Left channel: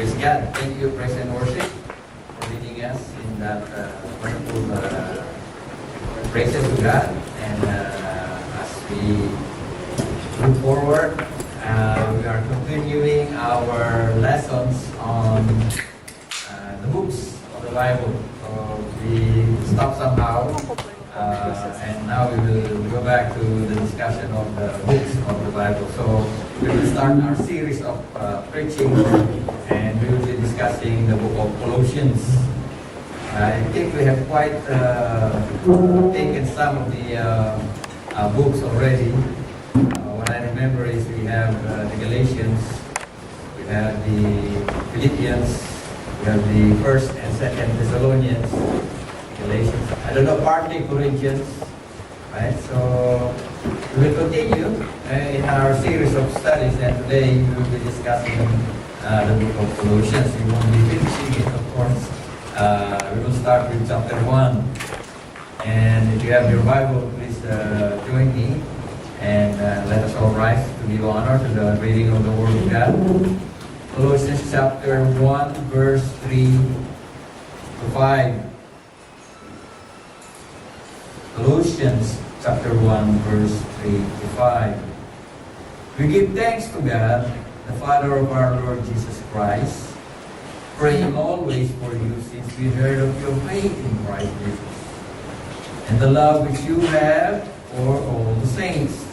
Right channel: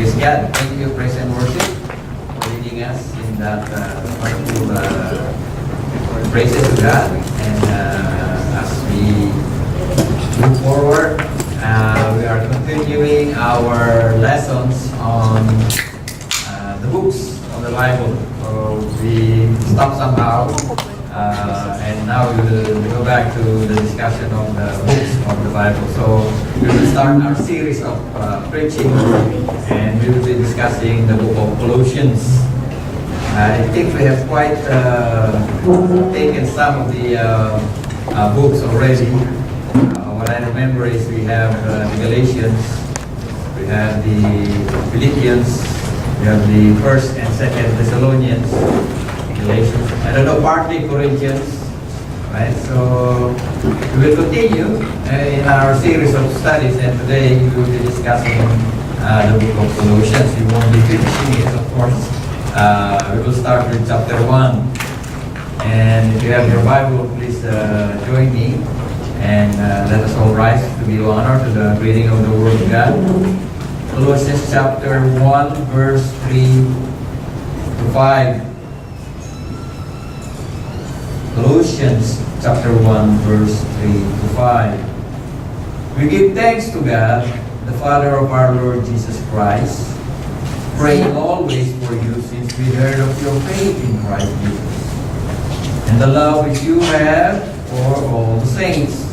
Praise God. Thank you, praise and worship, for leading us in that wonderful praises to God. And as we move forward, we are continuing our lessons on the books of the Bible. So we stopped somehow, and now we will go back to the discussion of the books of the Bible. So we will start our series of preaching, and we will be discussing the book of Colossians. I think we have quite taken some of the books already. What I remember is we have the Galatians, we have the Philippians, we have the First and Second Thessalonians, Galatians. I don't know, partly Corinthians, right? So we will continue in our series of studies, and today we will be discussing the book of Colossians. We won't be finishing it, of course. We will start with chapter 1. And if you have your Bible, please join me, and let us all rise to give honor to the reading of the Word of God. Colossians chapter 1, verse 3 to 5. Colossians chapter 1, verse 3 to 5. We give thanks to God, the Father of our Lord Jesus Christ, praying always for you, since we heard of your faith in Christ Jesus, and the love which you have for all the saints,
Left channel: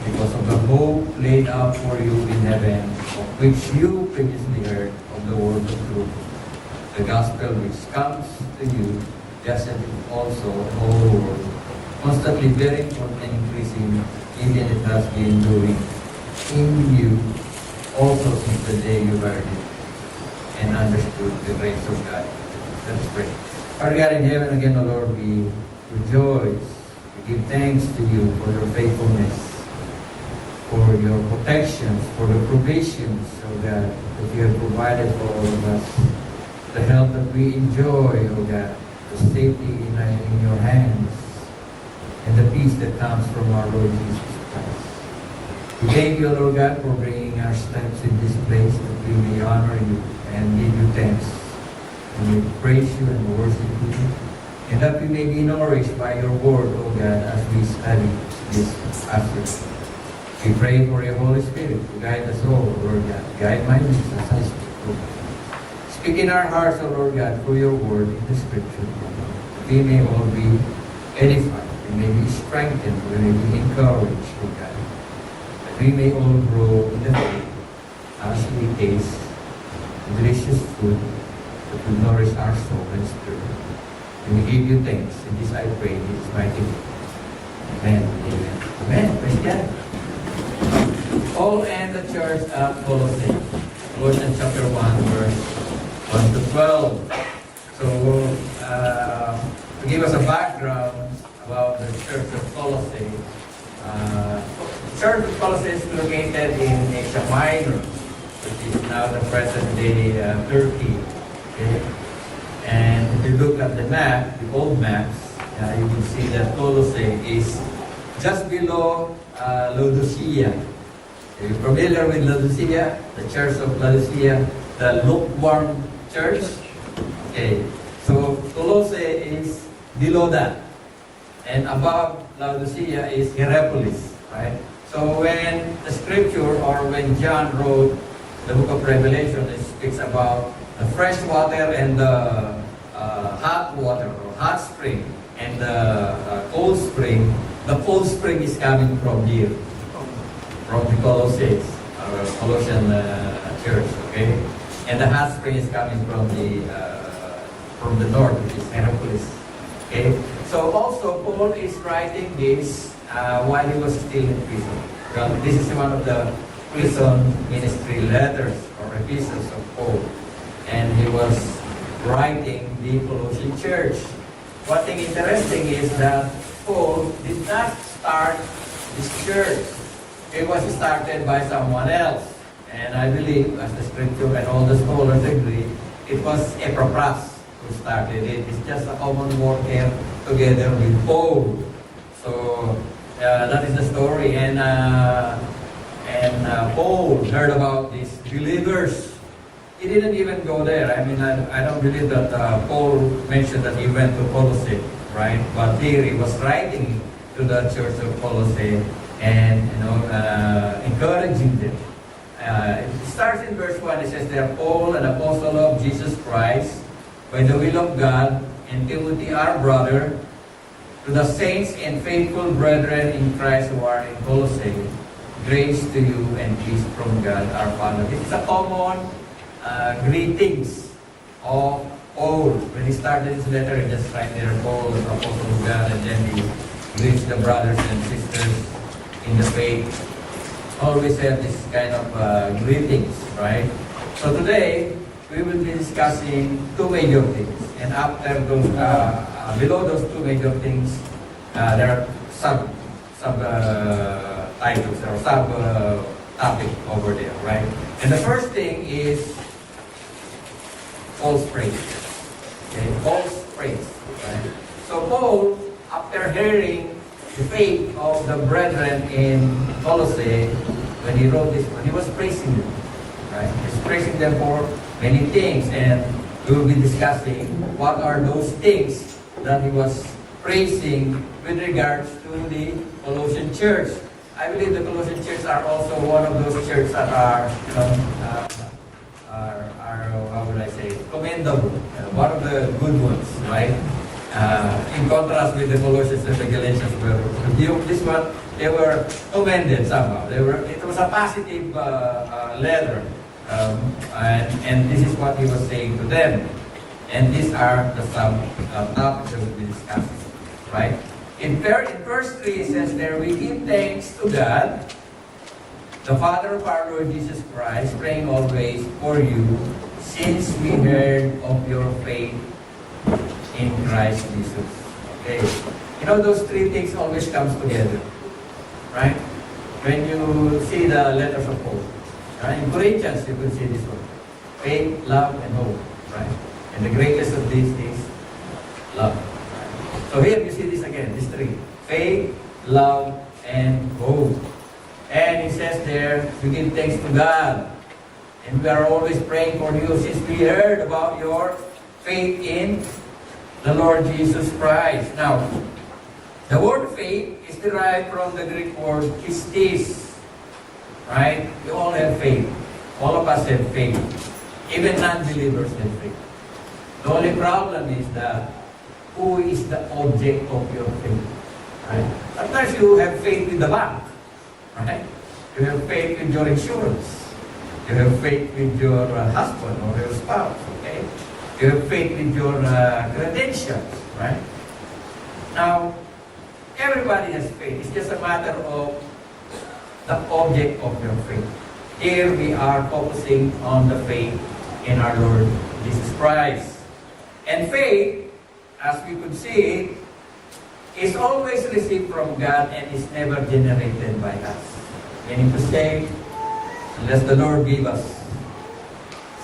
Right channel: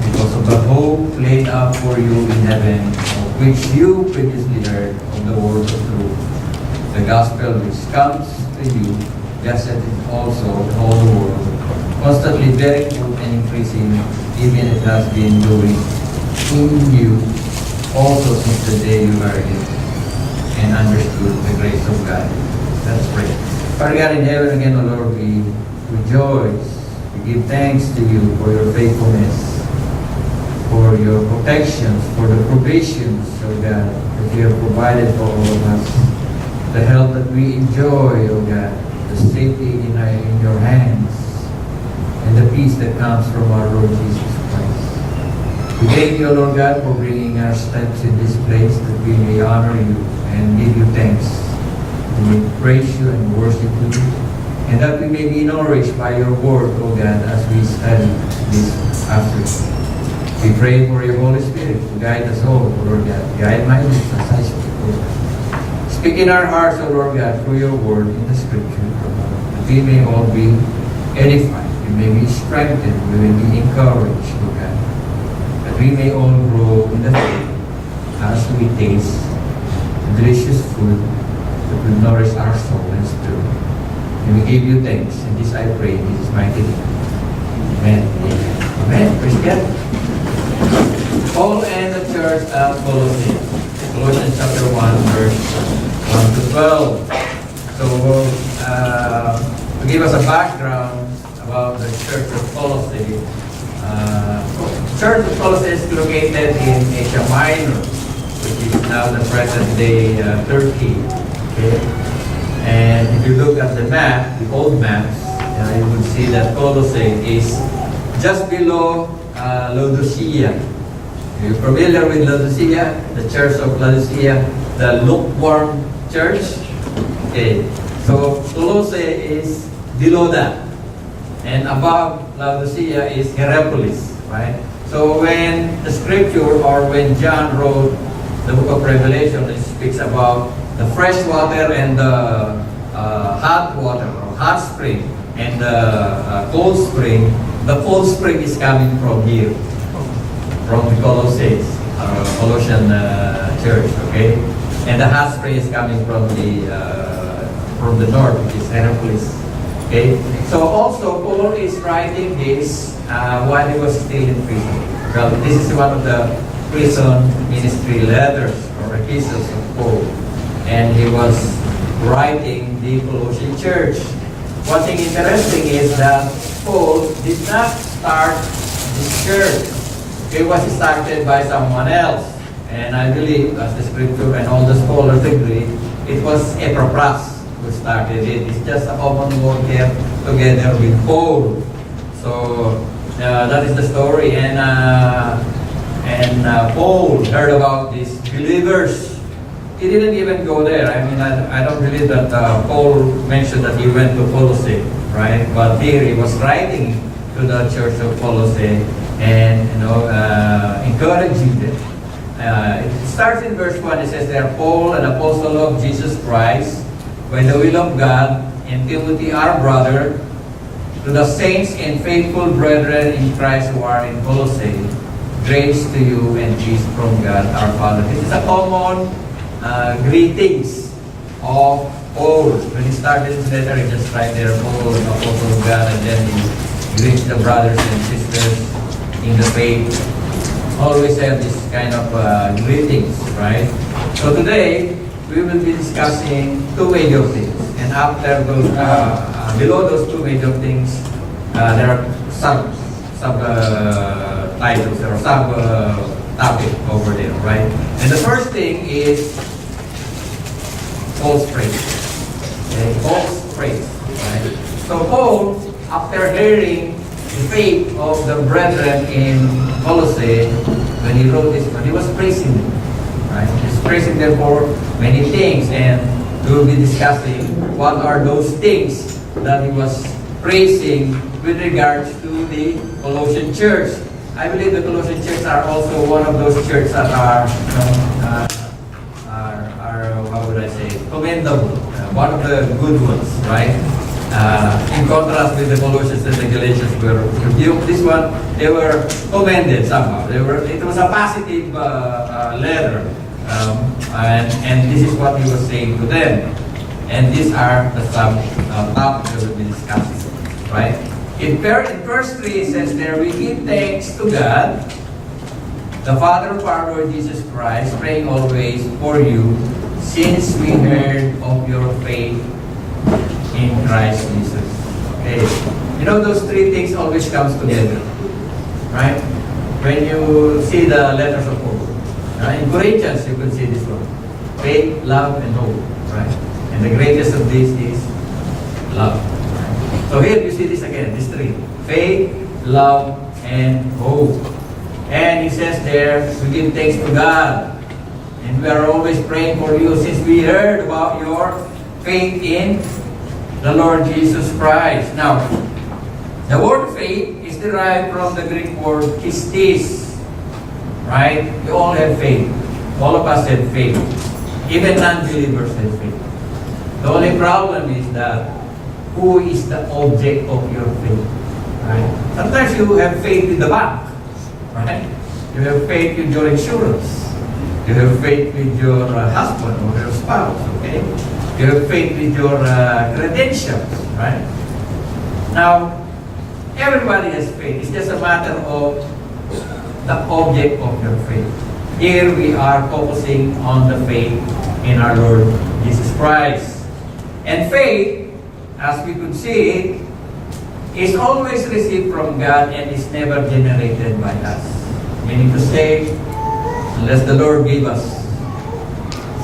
because of the hope laid out for you in heaven, of which you previously heard of the word of truth, the gospel which comes to you, just as it also in all the world, constantly bearing fruit and increasing, even it has been doing in you also since the day you heard it and understood the grace of God. Let's pray. Father God in heaven, again, O Lord, we rejoice. We give thanks to you for your faithfulness, for your protections, for the provisions, O God, that you have provided for all of us, the health that we enjoy, O God, the safety in your hands, and the peace that comes from our Lord Jesus Christ. We thank you, Lord God, for bringing our steps in this place, that we may honor you and give you thanks, and we praise you and worship you, and that we may be nourished by your word, O God, as we study this afternoon. We pray for your Holy Spirit to guide us all, Lord God. Guide my lips as I speak, Lord God. Speak in our hearts, O Lord God, through your word in the Scripture, that we may all be edified, we may be strengthened, we may be encouraged, Lord God, that we may all grow in the faith as we taste the delicious food that will nourish our soul and spirit. And we give you thanks, and this I pray in Jesus' mighty name. Amen. Amen. Amen. Praise God. Paul and the church of Colossae. Colossians chapter 1, verse 1 to 12. So, to give us a background about the church of Colossae, the church of Colossae is located in Asia Minor, which is now the present-day Turkey. Okay? And if you look at the map, the old maps, you will see that Colossae is just below Laodicea. Are you familiar with Laodicea? The church of Laodicea, the lukewarm church? Okay. So Colossae is below that. And above Laodicea is Hierapolis, right? So when the scripture, or when John wrote the book of Revelation, it speaks about the fresh water and the hot water, or hot spring, and the cold spring. The cold spring is coming from here, from the Colossians, Colossian church, okay? And the hot spring is coming from the north, which is Hierapolis, okay? So also Paul is writing this while he was still in prison. Well, this is one of the prison ministry letters or epistles of Paul, and he was writing the Colossian church. One thing interesting is that Paul did not start this church. It was started by someone else. And I believe, as the scripture and all the scholars agree, it was Epaphras who started it. It's just a common worker together with Paul. So that is the story. And Paul heard about these believers he didn't even go there. I mean, I don't believe that Paul mentioned that he went to Colossae, right? But here he was writing to the church of Colossae and, encouraging them. It starts in verse 1. It says there, Paul, an apostle of Jesus Christ, by the will of God, and Timothy, our brother, to the saints and faithful brethren in Christ who are in Colossae, grace to you and peace from God our Father. This is a common greetings of Paul. When he started his letter, he just write there, Paul, an apostle of God, and then he greets the brothers and sisters in the faith. Always have this kind of greetings, right? So today, we will be discussing two major things. And after those, below those two major things, there are sub titles or sub topic over there, right? And the first thing is false praise. Okay? False praise, right? So Paul, after hearing the faith of the brethren in Colossae, when he wrote this one, he was praising them, right? He's praising them for many things, and we will be discussing what are those things that he was praising with regards to the Colossian church. I believe the Colossian church are also one of those churches that are, how would I say, commendable. One of the good ones, right? In contrast with the Colossians and the Galatians, where this one, they were commended somehow. It was a positive letter, and this is what he was saying to them. And these are the topics that we'll be discussing, right? In verse 3, it says there, we give thanks to God, the Father of our Lord Jesus Christ, praying always for you, since we heard of your faith in Christ Jesus. Okay. You know, those three things always comes together, right? When you see the letters of Paul, right? In Corinthians, you could see this one. Faith, love, and hope, right? And the greatest of these is love. Right? So here you see this again, these three. Faith, love, and hope. And he says there, we give thanks to God. And we are always praying for you since we heard about your faith in the Lord Jesus Christ. Now, the word faith is derived from the Greek word pistis. Right? We all have faith. All of us have faith. Even non-believers have faith. The only problem is that who is the object of your faith? Right? Sometimes you have faith with the bank. Right? You have faith with your insurance. You have faith with your husband or your spouse. Okay? You have faith with your credentials. Right? Now, everybody has faith. It's just a matter of the object of your faith. Here we are focusing on the faith in our Lord Jesus Christ. And faith, as we could see, is always received from God and is never generated by us. Meaning to say, unless the Lord gave us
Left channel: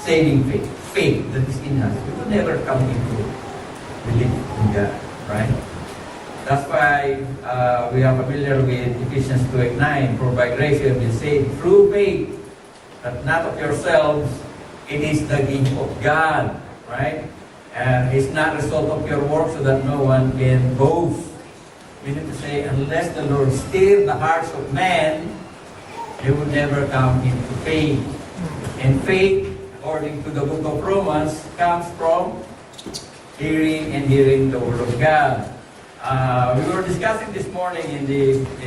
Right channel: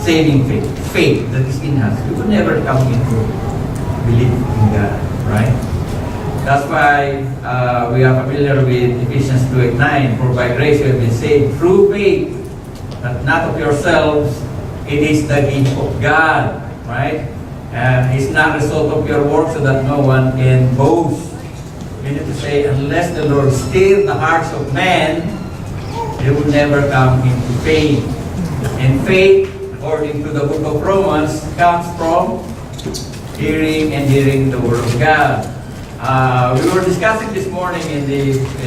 saving faith that is in us, we could never come into belief in God, right? That's why we are familiar with Ephesians 2:9. For by grace you have been saved through faith, but not of yourselves. It is the gift of God, right? It's not a result of your work, so that no one can boast. Meaning to say, unless the Lord stir the hearts of men, they will never come into faith. And faith, according to the book of Romans, comes from hearing and hearing the Word of God. We were discussing this morning in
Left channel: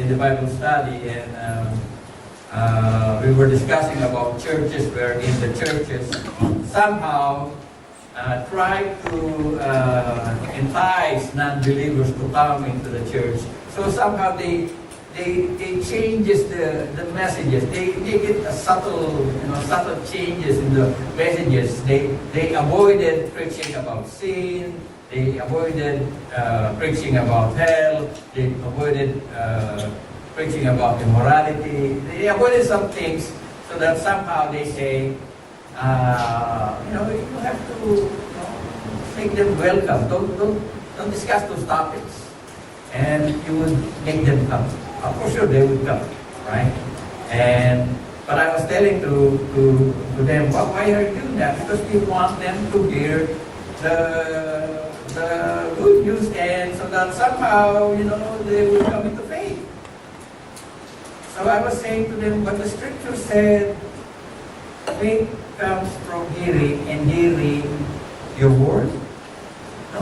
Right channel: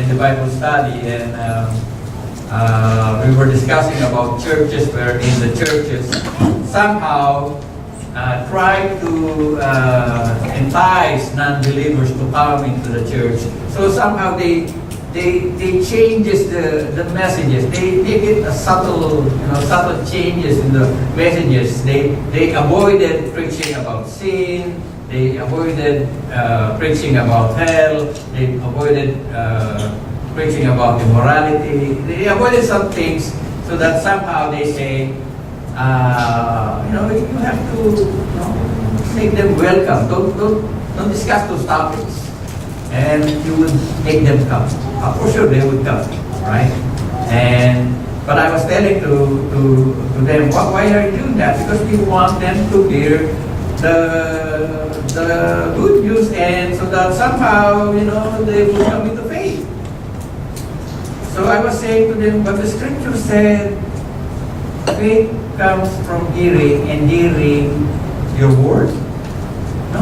the Bible study, and we were discussing about churches where in the churches somehow try to entice non-believers to come into the church. So somehow they changes the messages. They make it a subtle changes in the messages. They avoided preaching about sin. They avoided preaching about hell. They avoided preaching about immorality. They avoided some things so that somehow they say, you have to make them welcome. Don't discuss those topics, and you would make them come. For sure, they would come, right? And But I was telling to them, why are you doing that? Because we want them to hear the good news, and so that somehow, they will come into faith. So I was saying to them, but the scripture said, faith comes from hearing, and hearing your word. No.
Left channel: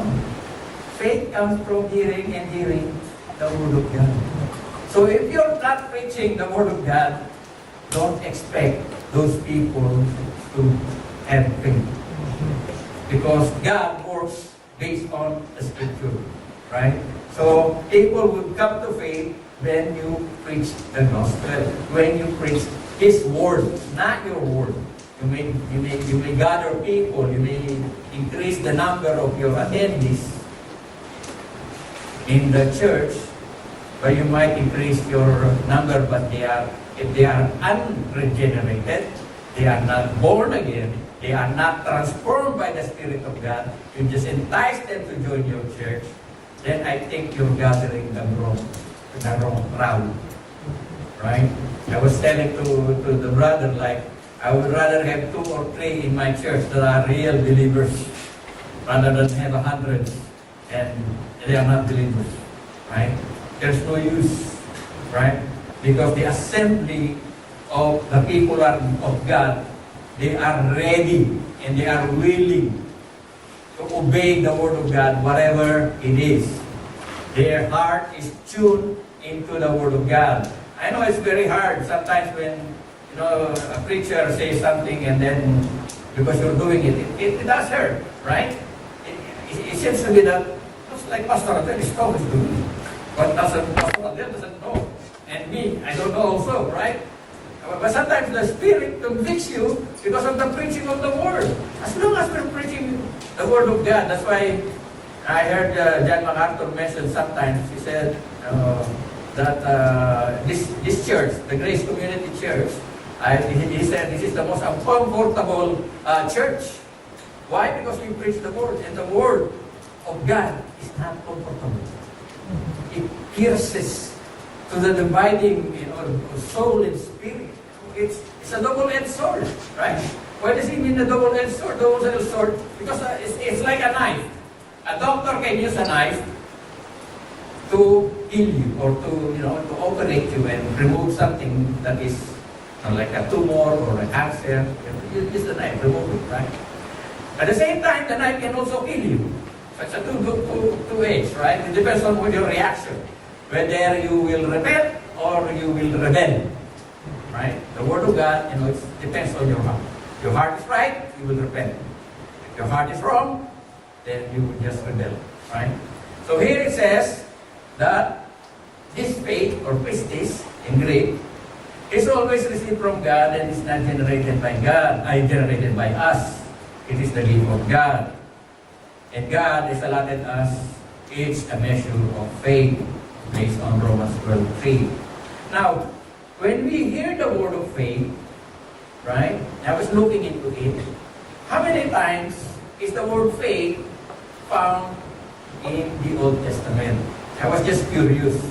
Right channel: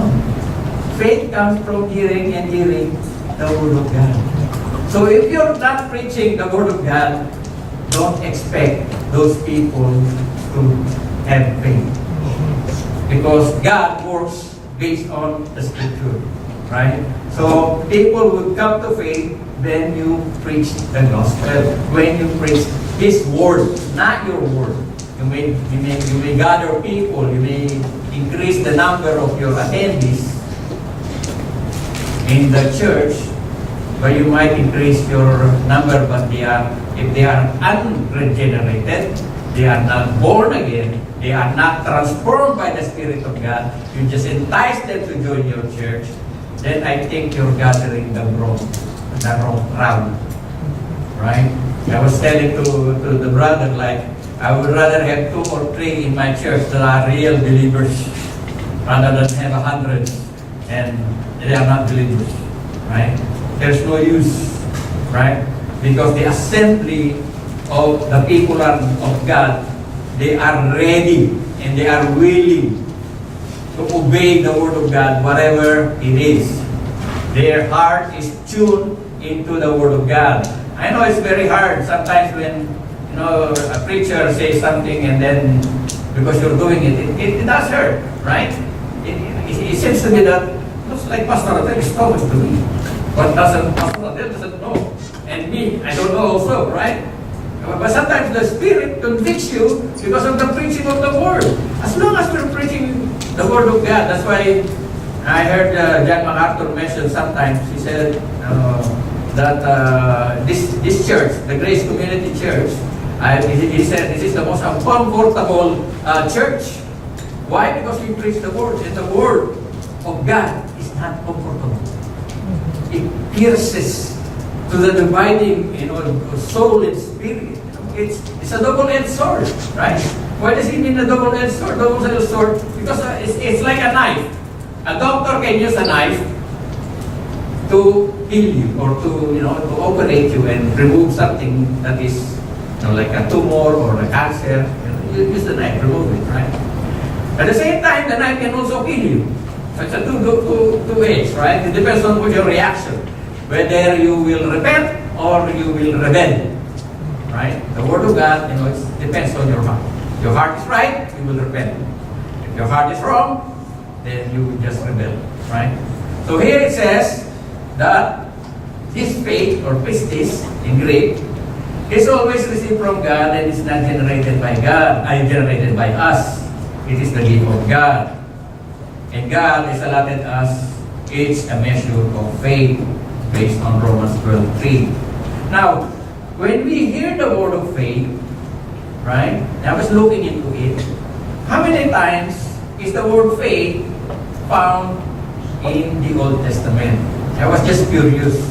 Faith comes from hearing, and hearing the word of God. So if you're not preaching the word of God, don't expect those people to have faith. Because God works based on the scripture, right? So people will come to faith when you preach the gospel, when you preach His word, not your word. You may gather people, you may increase the number of your attendees in the church, but you might increase your number, but if they are unregenerated, they are not born again, they are not transformed by the Spirit of God, you just entice them to join your church, then I think you're gathering the wrong crowd. Right? I was telling to the brother, like, I would rather have 2 or 3 in my church that are real believers rather than have 100 and they are not believers. Right? There's no use. Right? Because the assembly of the people of God, they are ready and they are willing to obey the word of God, whatever it is. Their heart is tuned into the word of God. I know it's very hard sometimes when a preacher says something and then because you're doing it does hurt, right? It seems to me that looks like Pastor Adel is talking to me. But Pastor Adel doesn't know. And me, I don't know also, right? But sometimes the Spirit convicts you because of the preaching of the Word. As long as we're preaching the Word of God, that's why I heard John MacArthur mention sometimes, he said that this church, the Grace Community Church, he said this is the most uncomfortable church. Why? Because we preach the Word, and the Word of God is not comfortable. It pierces to the dividing, soul and spirit. It's a double-edged sword, right? Why does it mean a double-edged sword? Double-edged sword because it's like a knife. A doctor can use a knife to heal you or to operate you and remove something that is like a tumor or a cancer. You use the knife, remove it, right? At the same time, the knife can also kill you. So it's a two-edged, right? It depends on your reaction. Whether you will repent or you will rebel. Right? The Word of God, it depends on your heart. If your heart is right, you will repent. If your heart is wrong, then you will just rebel. Right? So here it says that this faith or pistis in Greek is always received from God and is not generated by God, generated by us. It is the gift of God. And God has allotted us each a measure of faith based on Romans 12:3. Now, when we hear the word of faith, right? I was looking into it. How many times is the word faith found in the Old Testament? I was just curious.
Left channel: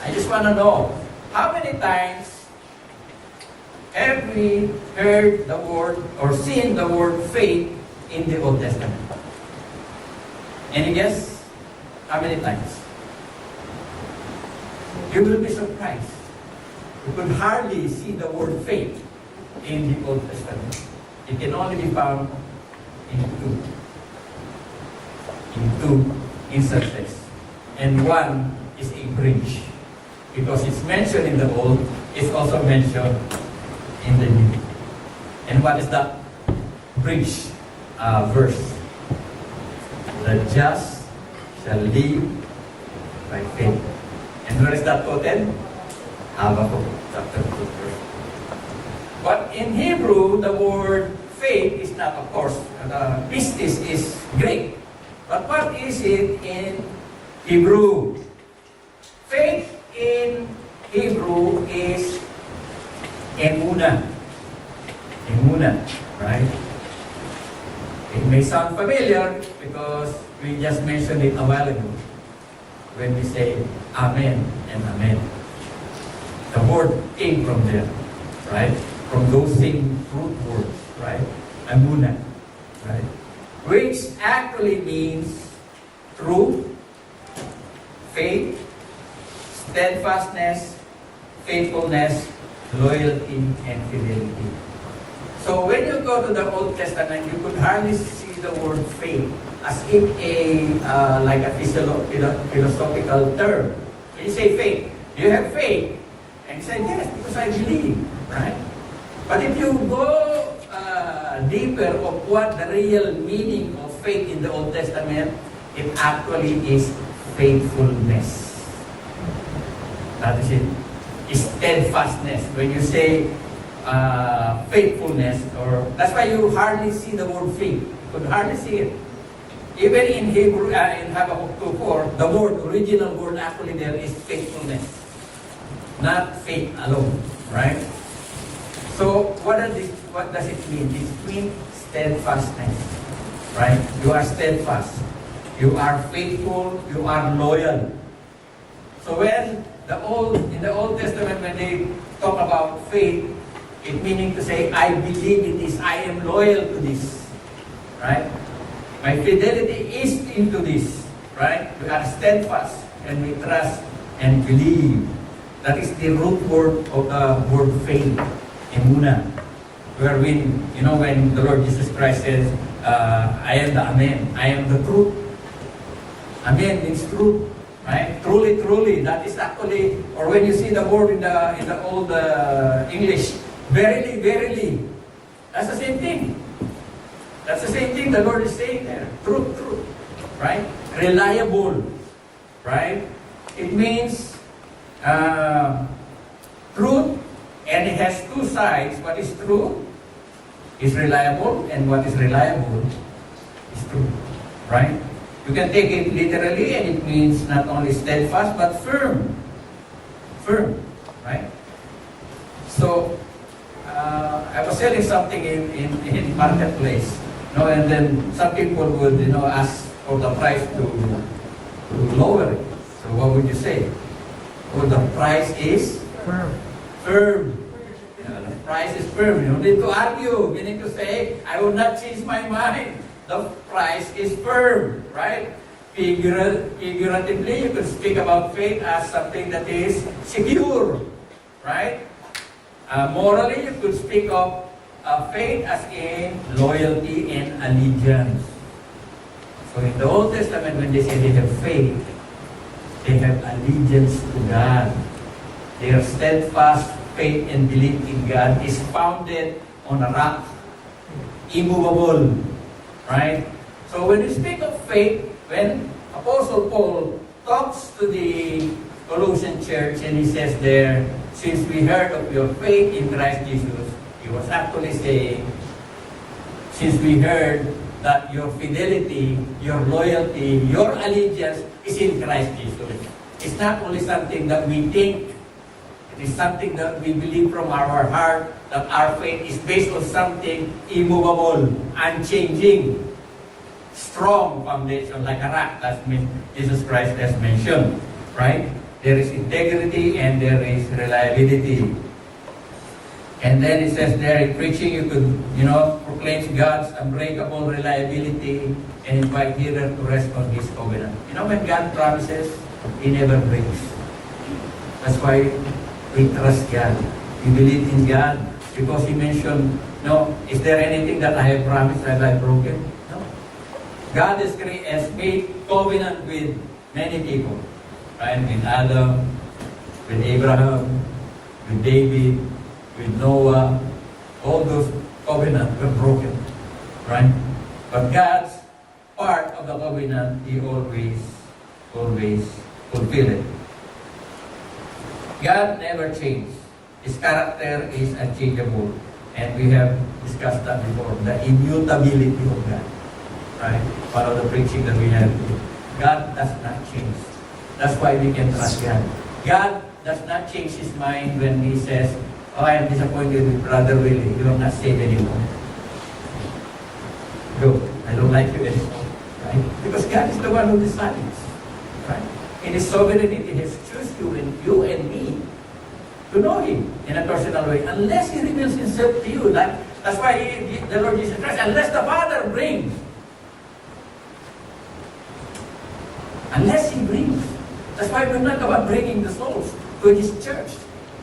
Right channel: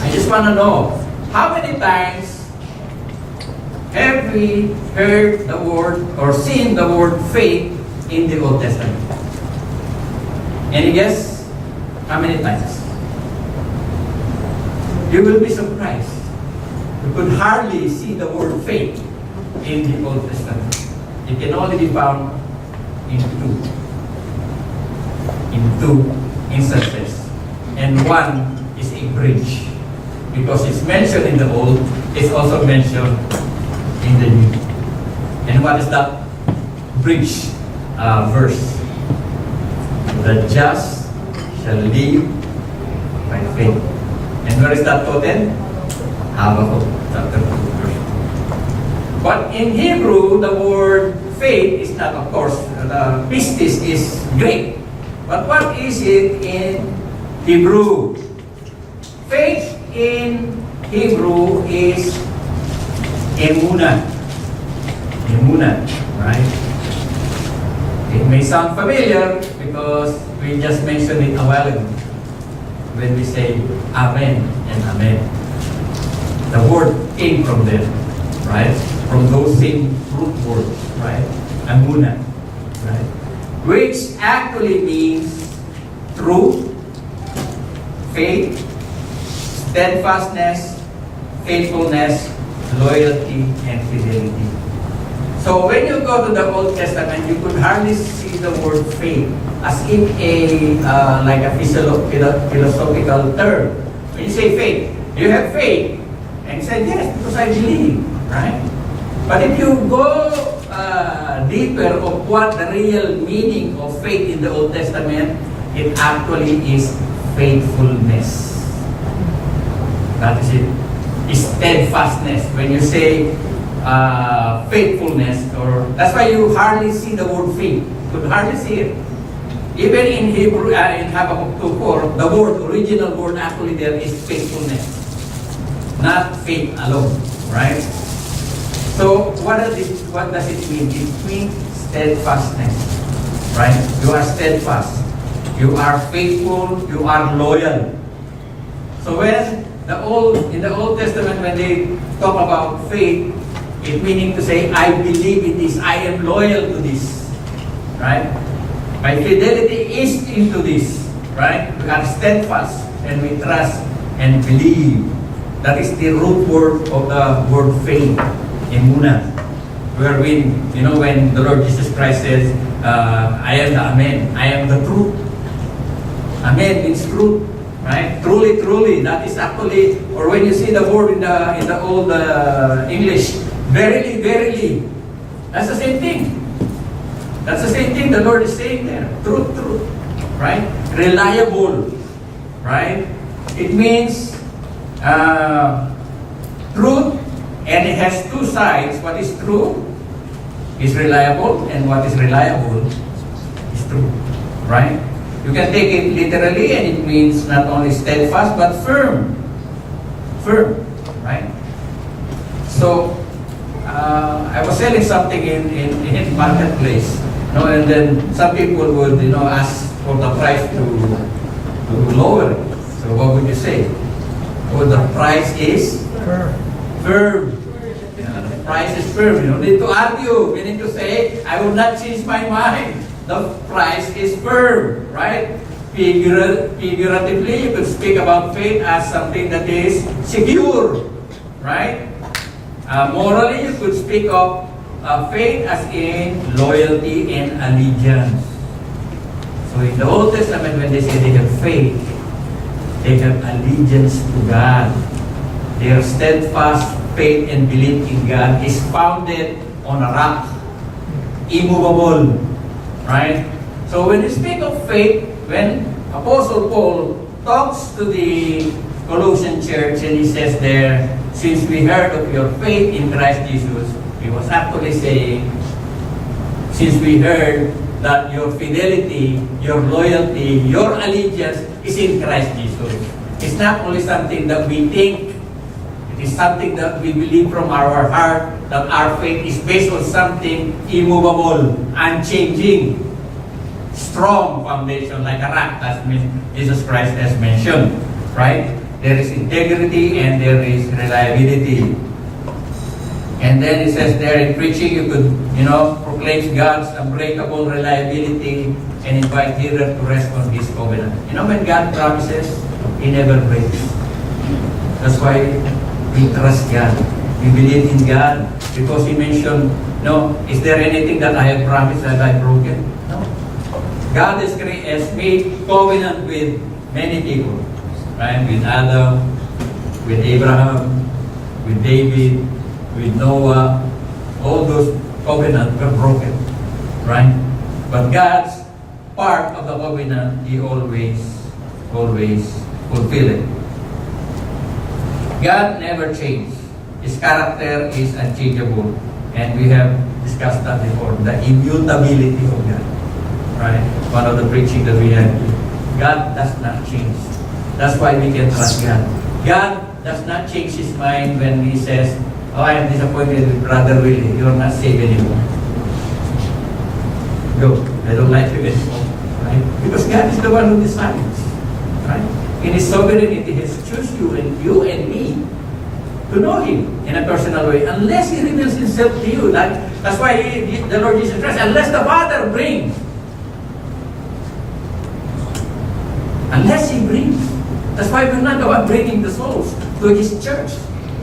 I just want to know, how many times have we heard the word or seen the word faith in the Old Testament? Any guess? How many times? You will be surprised. You could hardly see the word faith in the Old Testament. It can only be found in two instances. And one is a bridge. Because it's mentioned in the Old, it's also mentioned in the New. And what is that bridge verse? The just shall live by faith. And where is that quoted? Habakkuk chapter 2, verse 1. But in Hebrew, the word faith is not, of course, pistis is Greek. But what is it in Hebrew? Faith in Hebrew is emuna. Emuna, right? It may sound familiar because we just mentioned it a while ago when we say Amen and Amen. The word came from there. right? From those same root words, right? Amuna, right? Which actually means truth, faith, steadfastness, faithfulness, loyalty, and fidelity. So when you go to the Old Testament, you could hardly see the word faith as if like a philosophical term. When you say faith, you have faith, and you say yes because I believe, right? But if you go deeper of what the real meaning of faith in the Old Testament, it actually is faithfulness. That is it. Steadfastness. When you say faithfulness, or that's why you hardly see the word faith. You could hardly see it. Even in Hebrew, in Habakkuk 2:4, the original word actually there is faithfulness, not faith alone, right? So what does it mean? It means steadfastness, right? You are steadfast, you are faithful, you are loyal. So when in the Old Testament, when they talk about faith, it meaning to say, I believe in this, I am loyal to this, right? My fidelity is into this, right? We are steadfast and we trust and believe. That is the root word of the word faith, emuna. Where when the Lord Jesus Christ says, I am the Amen, I am the truth. Amen means truth, right? Truly, truly. That is actually, or when you see the word in the old English, verily, verily. That's the same thing. That's the same thing the Lord is saying there. Truth, truth. Right? Reliable. Right? It means truth, and it has two sides. What is true is reliable, and what is reliable is true. Right? You can take it literally, and it means not only steadfast, but firm. Firm. Right? So, I was selling something in marketplace. And then some people would, ask for the price to lower it. So what would you say? Oh, the price is firm. Yeah, the price is firm. You don't need to argue. You need to say, I will not change my mind. The price is firm, right? Figuratively, you could speak about faith as something that is secure, right? Morally, you could speak of faith as in loyalty and allegiance. So in the Old Testament, when they say they have faith, they have allegiance to God. Their steadfast faith and belief in God is founded on a rock, immovable, right? So when you speak of faith, when Apostle Paul talks to the Colossian church and he says there, since we heard of your faith in Christ Jesus, he was actually saying, since we heard that your fidelity, your loyalty, your allegiance is in Christ Jesus. It's not only something that we think, it is something that we believe from our heart, that our faith is based on something immovable, unchanging, strong foundation, like a rock, that Jesus Christ has mentioned, right? There is integrity and there is reliability. And then it says there in preaching, you could, proclaim God's unbreakable reliability and invite hearer to rest on His covenant. When God promises, He never breaks. That's why we trust God. We believe in God because He mentioned, is there anything that I have promised that I have broken? No. God has made covenant with many people. Right? With Adam, with Abraham, with David, with Noah, all those covenants were broken, right? But God's part of the covenant, He always fulfill it. God never changed. His character is unchangeable, and we have discussed that before. The immutability of God, right? One of the preaching that we had. God does not change. That's why we can trust God. God does not change His mind when He says, I am disappointed with Brother Willie. You are not saved anymore. Go. I don't like you anymore. Right? Because God is the one who decides. Right? In His sovereignty, He has chosen you and me to know Him in a personal way unless He reveals Himself to you. That's why the Lord Jesus Christ, unless the Father brings, unless He brings. That's why we're not the one bringing the souls to His church.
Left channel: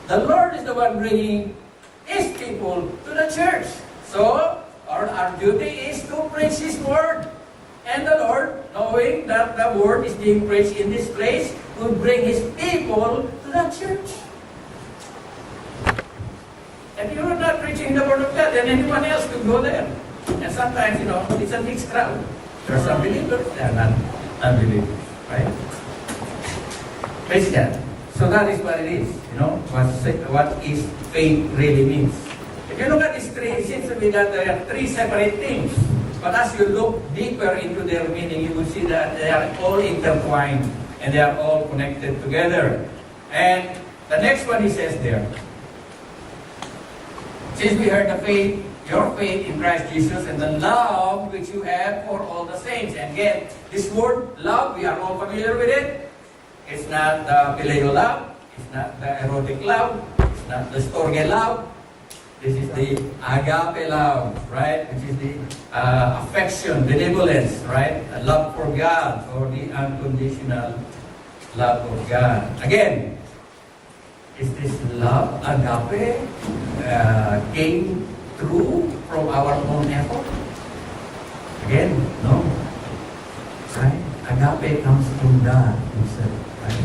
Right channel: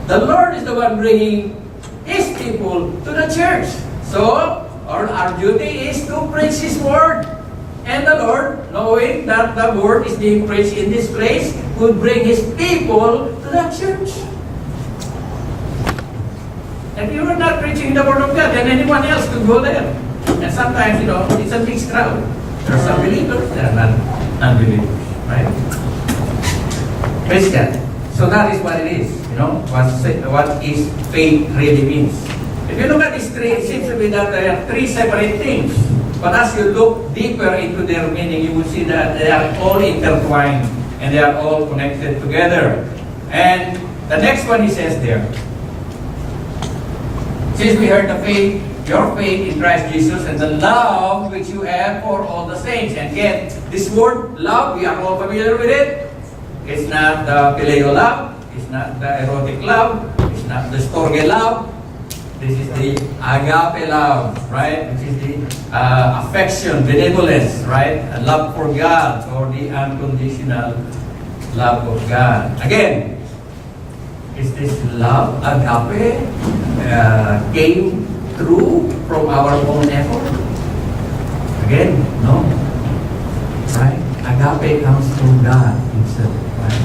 The Lord is the one bringing His people to the church. So, our duty is to preach His Word. And the Lord, knowing that the Word is being preached in this place, will bring His people to the church. If you are not preaching the Word of God, then anyone else could go there. And sometimes, it's a mixed crowd. There are some believers, there are not unbelievers. Right? Christian. So that is what it is. What is faith really means. If you look at these three, it seems to be that there are three separate things. But as you look deeper into their meaning, you will see that they are all intertwined and they are all connected together. And the next one he says there, since we heard the faith, your faith in Christ Jesus and the love which you have for all the saints. And again, this word love, we are all familiar with it. It's not the phileo love. It's not the erotic love. It's not the storge love. This is the agape love, right? Which is the affection, benevolence, right? A love for God, or the unconditional love of God. Again, is this love, agape, came through from our own effort? Again, no. Right? Agape comes from God Himself, right?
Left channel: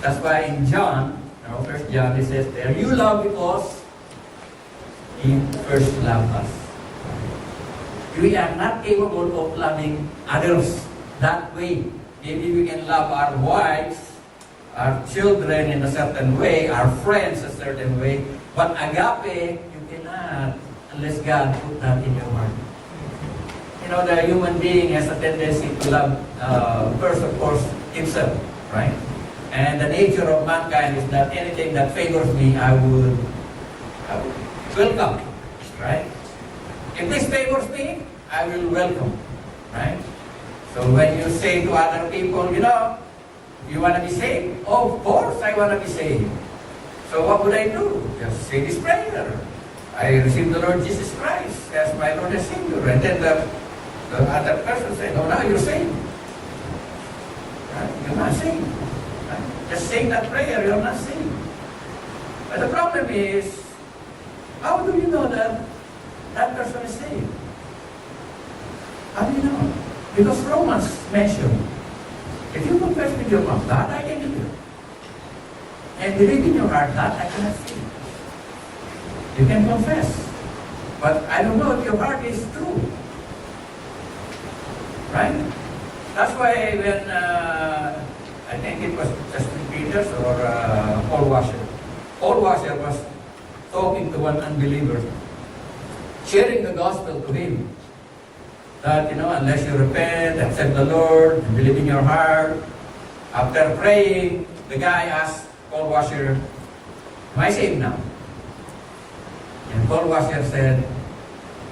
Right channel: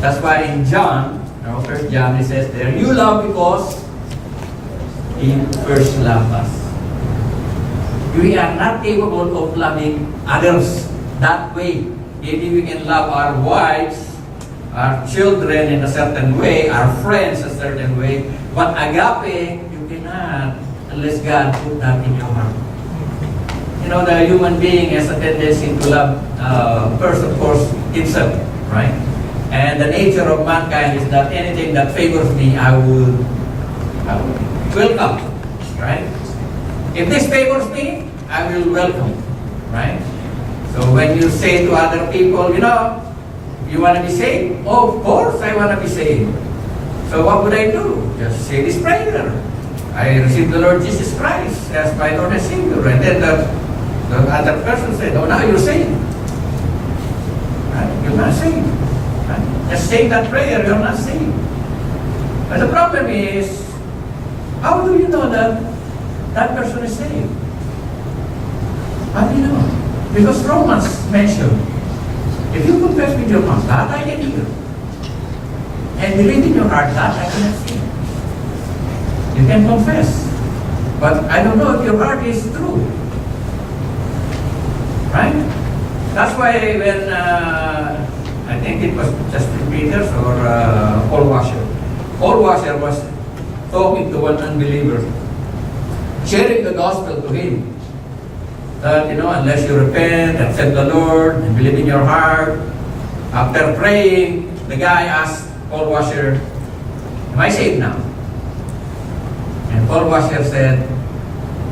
That's why in John, 1 John, it says there, you love because He first loved us. We are not capable of loving others that way. Maybe we can love our wives, our children in a certain way, our friends a certain way, but agape, you cannot unless God put that in your heart. The human being has a tendency to love first, of course, himself, right? And the nature of mankind is that anything that favors me, I would welcome, right? If this favors me, I will welcome, right? So when you say to other people, you want to be saved? Oh, of course I want to be saved. So what would I do? Just say this prayer. I received the Lord Jesus Christ as my Lord and Savior. And then the other person said, oh, now you're saved. Right? You're not saved. Right? Just say that prayer, you're not saved. But the problem is, how do you know that that person is saved? How do you know? Because Romans mentioned, if you confess with your mouth, that I can hear, and believe in your heart, that I cannot see. You can confess, but I don't know if your heart is true. Right? That's why when, I think it was Justin Peters or Paul Washer. Paul Washer was talking to one unbeliever, sharing the gospel to him. That, unless you repent, accept the Lord, and believe in your heart, after praying, the guy asked Paul Washer, am I saved now? And Paul Washer said,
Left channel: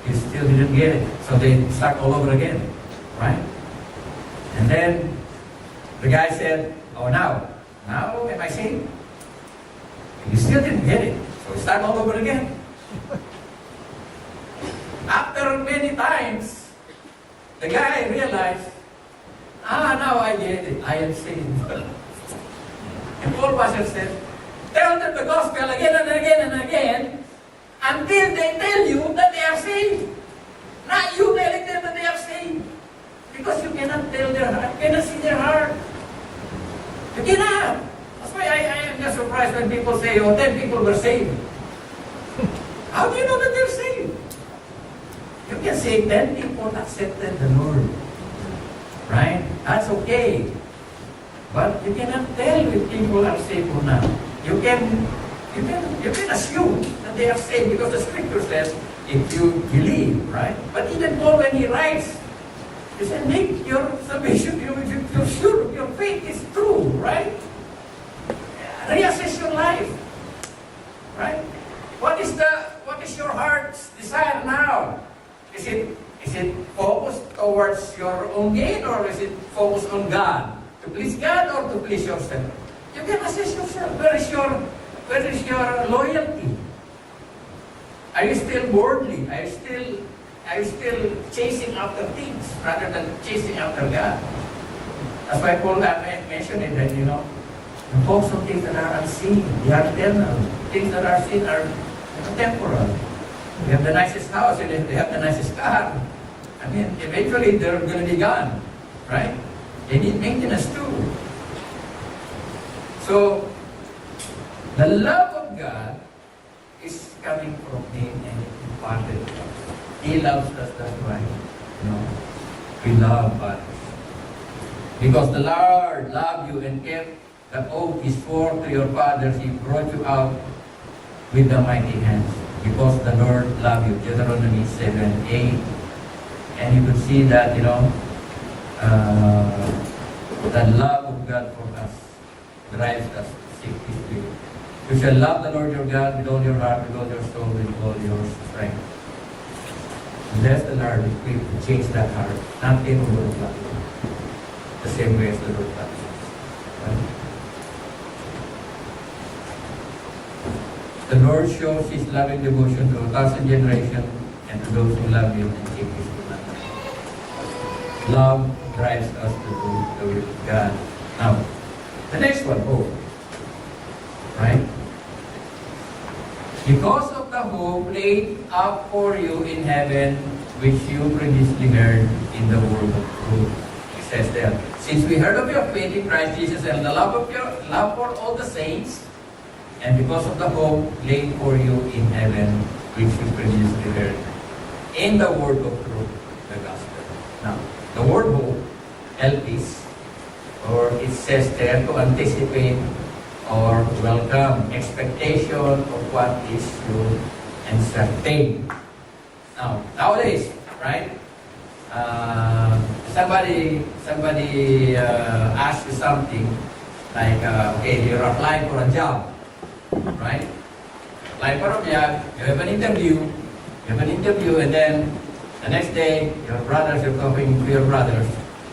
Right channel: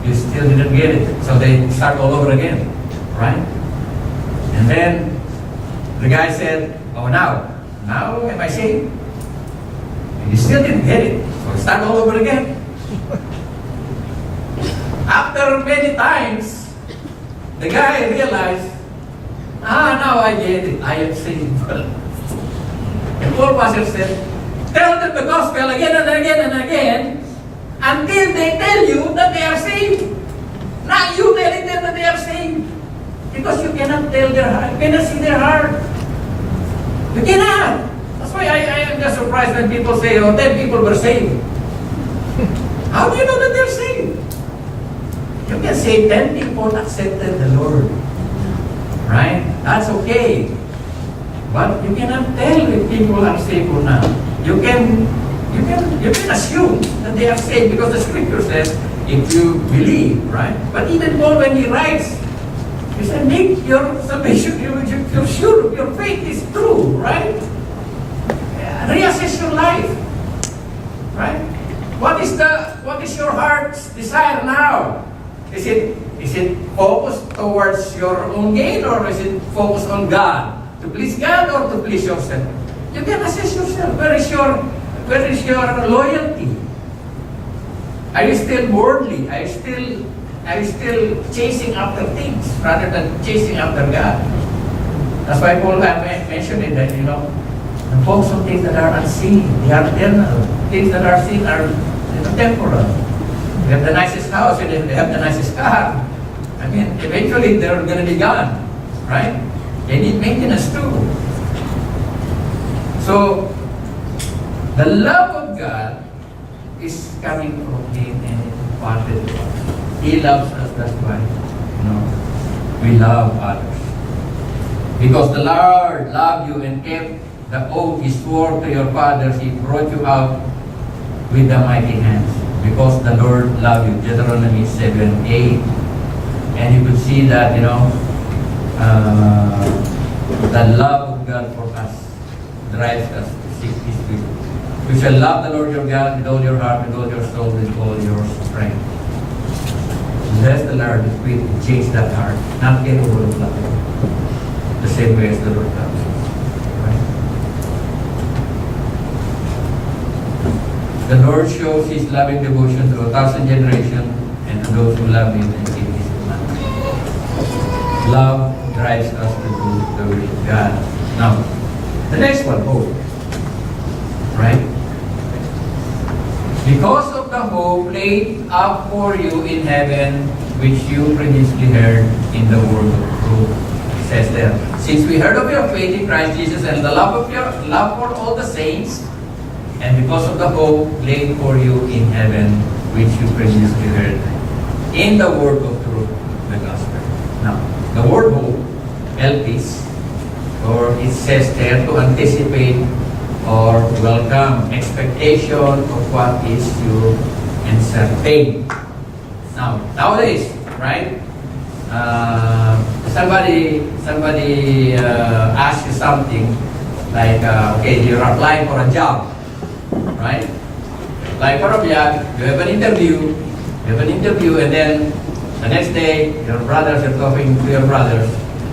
you still didn't get it. So they start all over again, right? And then the guy said, oh, now am I saved? And you still didn't get it. So we start all over again. After many times, the guy realized, now I get it. I am saved. And Paul Washer said, tell them the gospel again and again and again until they tell you that they are saved. Not you telling them that they are saved. Because you cannot tell their heart. You cannot see their heart. You cannot. That's why I am just surprised when people say, 10 people were saved. How do you know that they're saved? You can say 10 people accepted the Lord. Right? That's okay. But you cannot tell if people are saved or not. You can assume that they are saved because the scripture says, if you believe, right? But even Paul, when he writes, he said, make your salvation, you're sure your faith is true, right? Reassess your life, right? What is your heart's desire now? Is it focused towards your own gain, or is it focused on God? To please God or to please yourself? You can assess yourself. Where is your where is your loyalty? Are you still worldly? Are you still chasing after things rather than chasing after God? That's why Paul mentioned it that, focus on things that are unseen, they are eternal. Things that are seen are temporal. They have the nicest house and they have the nicest car. I mean, eventually they're going to be gone, right? They need maintenance too. So, the love of God is coming from Him and imparted to us. He loves us, that's why, we love others. Because the Lord loved you and kept the oath He swore to your fathers, He brought you out with the mighty hands. Because the Lord loved you. Deuteronomy 7:8. And you could see that, the love of God for us drives us to seek His will. You shall love the Lord your God with all your heart, with all your soul, with all your strength. That's the Lord will change that heart, not capable of loving the same way as the Lord loves us. Right? The Lord shows His loving devotion to 1,000 generations and to those who love Him and keep His commandments. Love drives us to do the will of God. Now, the next one, hope. Right? Because of the hope laid up for you in heaven, which you previously heard in the word of truth. It says there, since we heard of your faith in Christ Jesus and the love for all the saints, and because of the hope laid for you in heaven, which you previously heard in the word of truth, the gospel. Now, the word hope, elpis, or it says there to anticipate or welcome, expectation of what is sure and certain. Now, nowadays, right? Somebody asks you something like, okay, you're applying for a job, right? Applying for a job, you have an interview, and then the next day, you're talking to your brothers,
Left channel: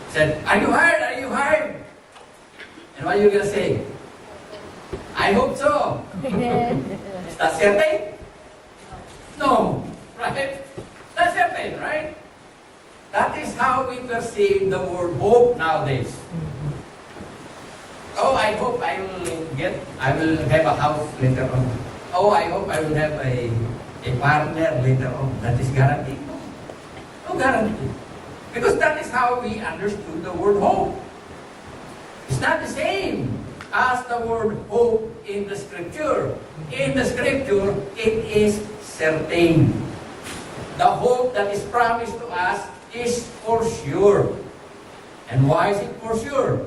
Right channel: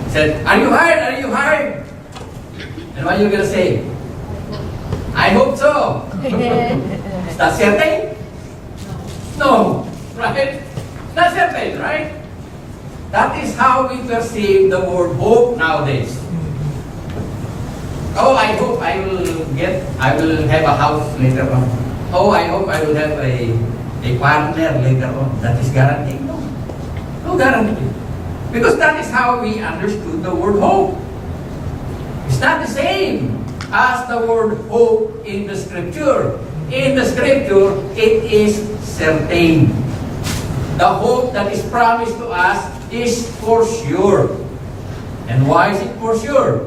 said, are you hired? Are you hired? And what are you going to say? I hope so. Is that certain? No. Right? Not certain, right? That is how we perceive the word hope nowadays. Oh, I hope I will have a house later on. Oh, I hope I will have a partner later on. That is guaranteed? No. No guarantee. Because that is how we understood the word hope. It's not the same as the word hope in the Scripture. In the Scripture, it is certain. The hope that is promised to us is for sure. And why is it for sure?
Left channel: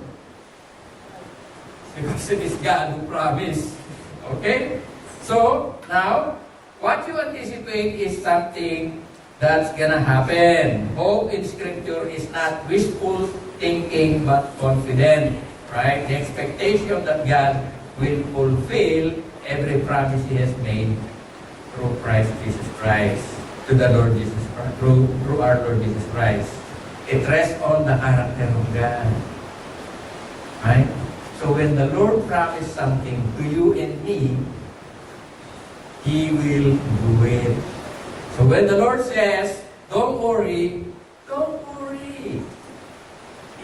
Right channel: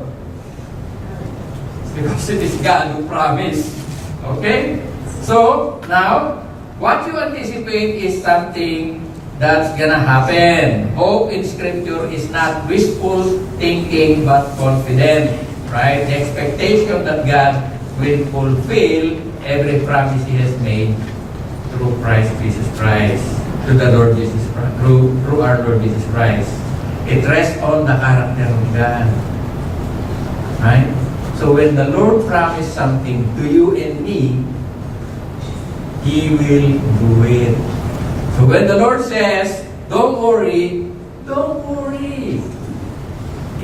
Because it is God who promised. Okay? So, now, what you anticipate is something that's gonna happen. Hope in Scripture is not wishful thinking but confident. Right? The expectation that God will fulfill every promise He has made through Christ Jesus Christ, to the Lord Jesus Christ, through our Lord Jesus Christ. It rests on the character of God. Right? So when the Lord promised something to you and me, He will do it. So when the Lord says, don't worry, don't worry.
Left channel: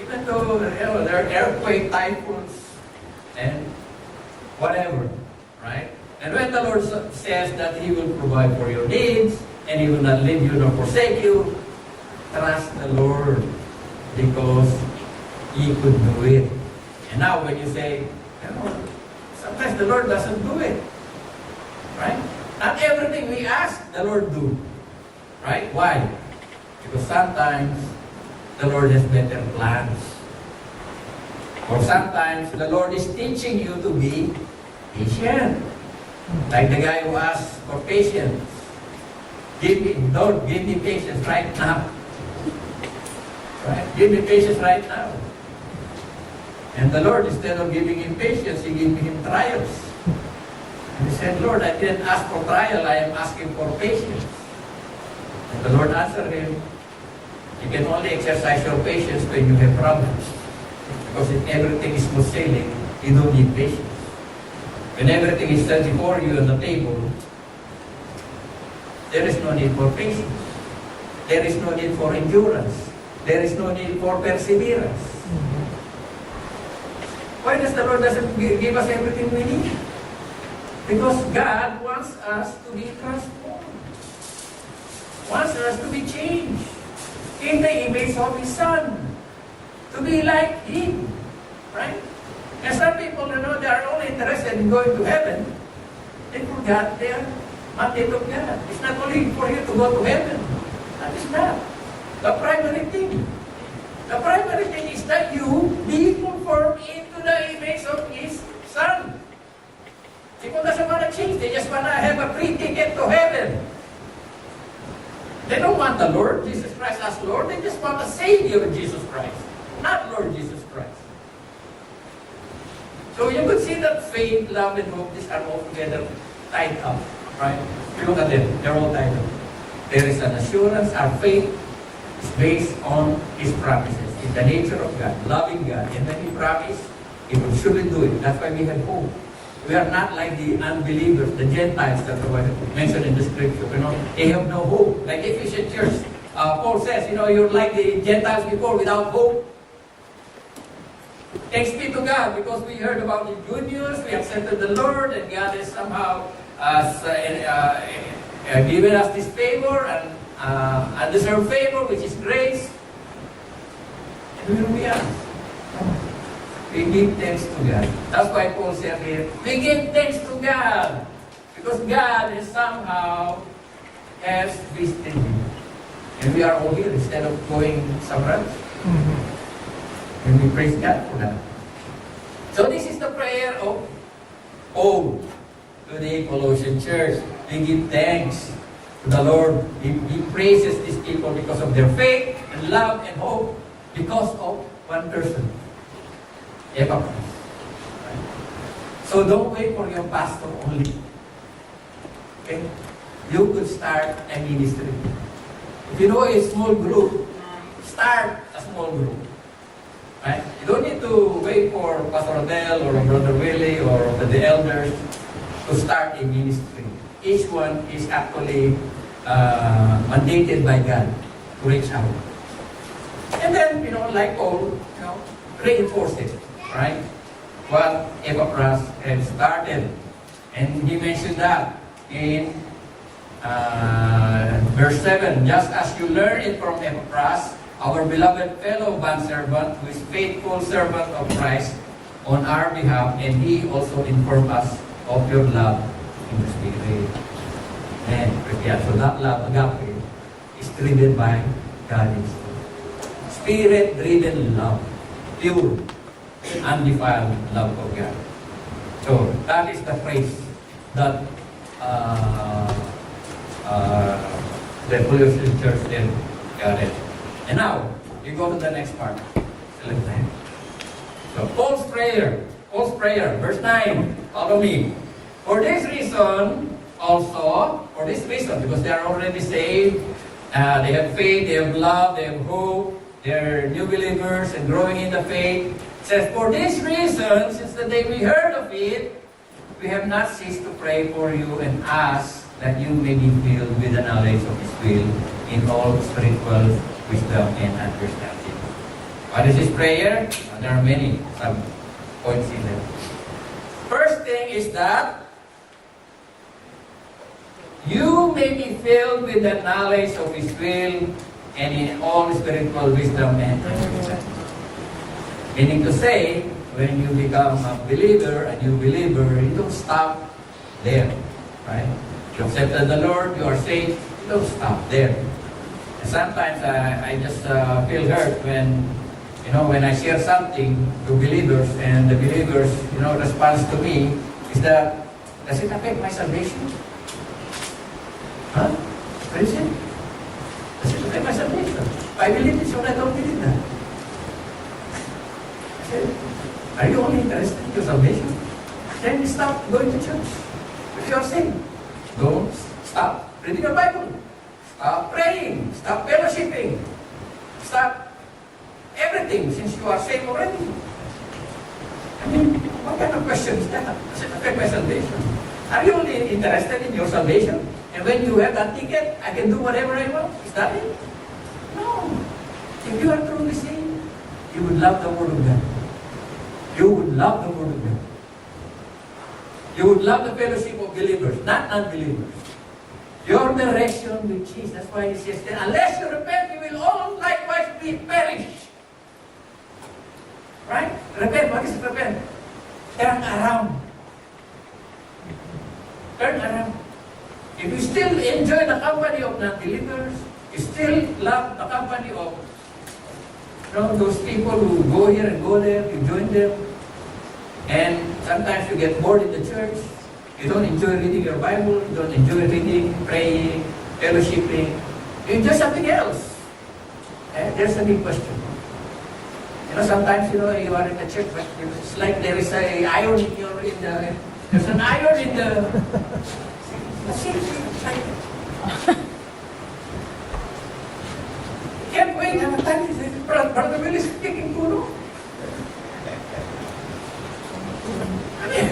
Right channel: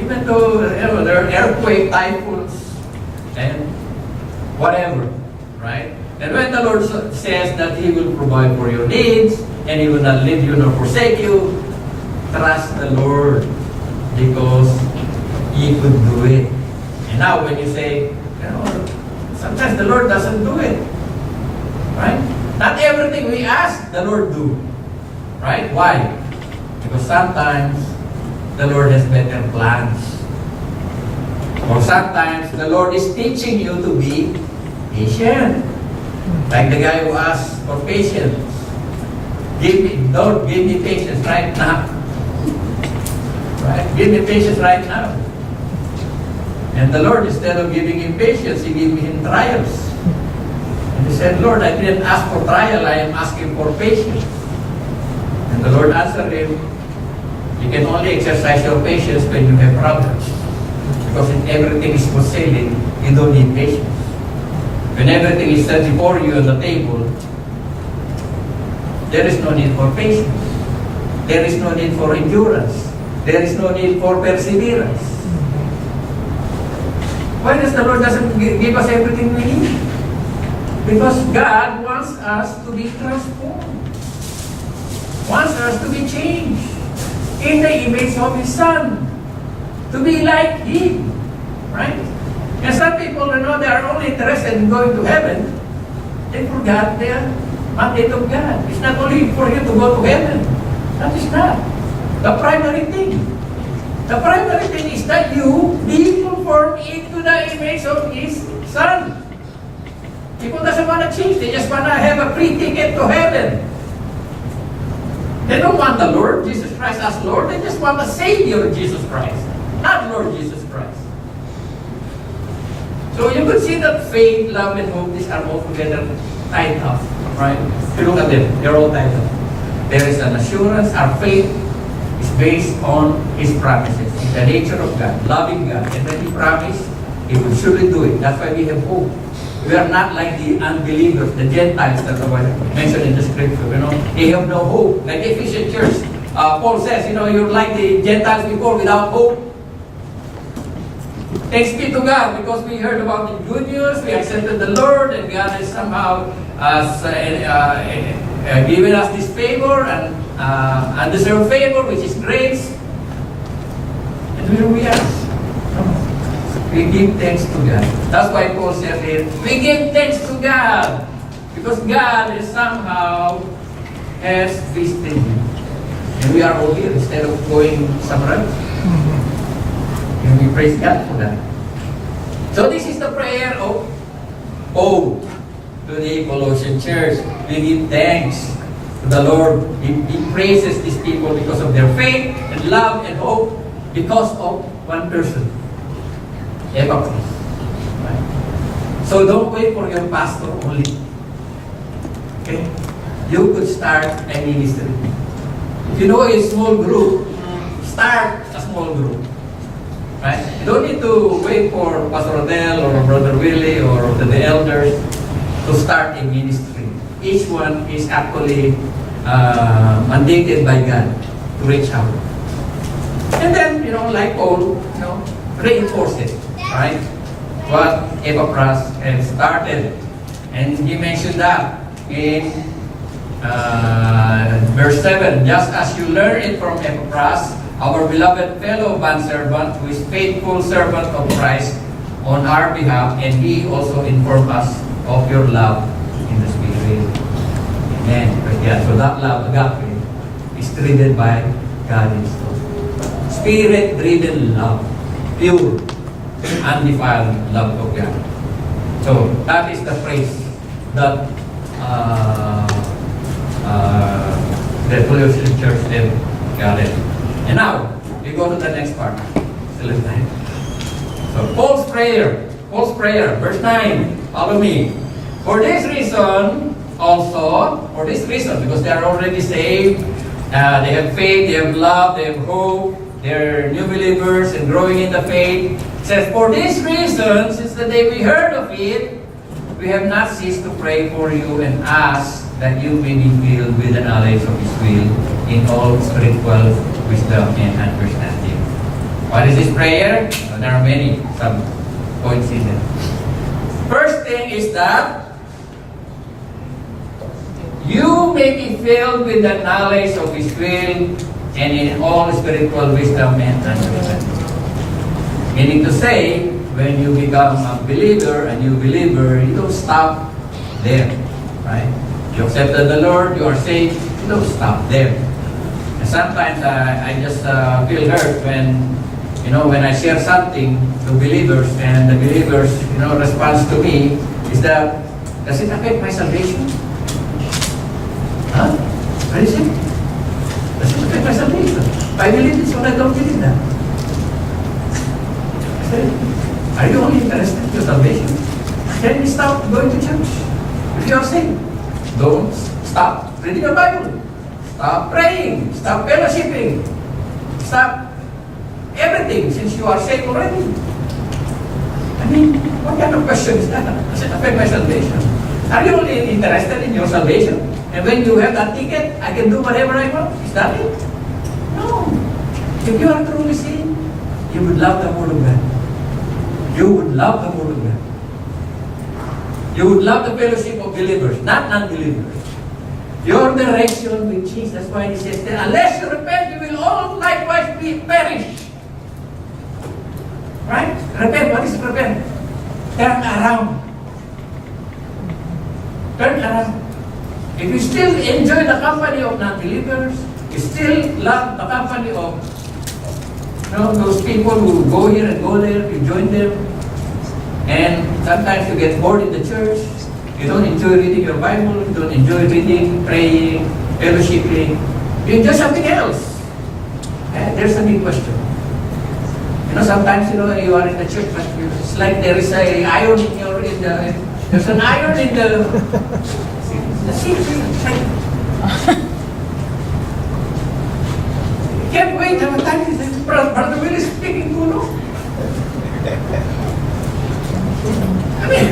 Even though there are earthquake, typhoons, and whatever, right? And when the Lord says that He will provide for your needs, and He will not leave you nor forsake you, trust the Lord, because He could do it. And now when you say, sometimes the Lord doesn't do it, right? Not everything we ask, the Lord do, right? Why? Because sometimes the Lord has better plans. Or sometimes the Lord is teaching you to be patient. Like the guy who asked for patience. Lord, give me patience right now. Right? Give me patience right now. And the Lord, instead of giving him patience, He gave him trials. And he said, Lord, I didn't ask for trial, I am asking for patience. And the Lord answered him, you can only exercise your patience when you have problems. Because if everything is smooth sailing, you don't need patience. when everything is set before you on the table, there is no need for patience. There is no need for endurance. There is no need for perseverance. Why does the Lord doesn't give us everything we need? Because God wants us to be transformed. Wants us to be changed in the image of His Son. To be like Him. Right? And some people, they are only interested in going to heaven. They forgot their mandate of God. It's not only for you to go to heaven. That is not the primary thing. The primary thing is that you be conformed into the image of His Son. People doesn't want to change. They just want to have a free ticket to heaven. They don't want the Lord Jesus Christ as Lord. They just want the Savior Jesus Christ, not Lord Jesus Christ. So you could see that faith, love, and hope, these are all together tied up. Right? If you look at them, they're all tied up. There is an assurance. Our faith is based on His promises. In the nature of God, loving God. And when He promised, He will surely do it. That's why we have hope. We are not like the unbelievers, the Gentiles that are mentioned in the scripture. They have no hope. Like Ephesian church, Paul says, you're like the Gentiles before without hope. Thanks be to God because we heard about the good news, we accepted the Lord, and God has somehow given us this favor and undeserved favor, which is grace. And here we are. We give thanks to God. That's why Paul said here, we give thanks to God. Because God is somehow has visited you. And we are all here instead of going somewhere else. And we praise God for that. So this is the prayer of ode to the Colossian church. We give thanks to the Lord. He praises these people because of their faith and love and hope because of one person. Epaphras. Right? So don't wait for your pastor only. Okay? You could start a ministry. If you know a small group, start a small group. Right? You don't need to wait for Pastor Adele or Brother Willie or the elders to start a ministry. Each one is actually mandated by God to reach out. And then, like Paul, reinforce it. Right? What Epaphras had started. And he mentioned that in verse 7. Just as you learn it from Epaphras, our beloved fellow bondservant, who is faithful servant of Christ on our behalf, and he also informed us of your love in the Spirit. Amen. Yeah, so that love, agape, is driven by God Himself. Spirit-driven love. Pure, undefiled love of God. So, that is the phrase that the Colossian church then got it. And now, we go to the next part. Still have time. So, Paul's prayer, verse 9. Follow me. For this reason, because they are already saved, they have faith, they have love, they have hope, they're new believers and growing in the faith. It says, for this reason, since the day we heard of it, we have not ceased to pray for you and ask that you may be filled with the knowledge of His will in all spiritual wisdom and understanding. What is this prayer? Well, there are many points in there. First thing is that you may be filled with the knowledge of His will and in all spiritual wisdom and understanding. Meaning to say, when you become a believer, you don't stop there. Right? You accepted the Lord, you are saved, you don't stop there. And sometimes I just feel hurt when I share something to believers and the believers, response to me is that, does it affect my salvation? Huh? What is it? Does it affect my salvation? I believe this or I don't believe that. I said, are you only interested in your salvation? Then stop going to church. If you are saved, don't stop reading your Bible. Stop praying. Stop mean, what kind of question is that? Does it affect my salvation? Are you only interested in your salvation? And when you have that ticket, I can do whatever I want? Is that it? No. If you are truly saved, you would love the Word of God. You would love the Word of God. You would love the fellowship of believers, not non-believers. Your direction will change. That's why he says that unless you repent, you will all likewise be perished. Right? Repent. What is repent? Turn around. Turn around. If you still enjoy the company of non-believers, you still love the company of those people who go here and go there, you join them, and sometimes you get bored in the church, you don't enjoy reading your Bible, you don't enjoy reading, praying, fellowshipping, you enjoy something else. And there's a big question. Sometimes you are in the church, but it's like there is an iron there's an iron in the seat. Can't wait, Brother Will is speaking to I mean,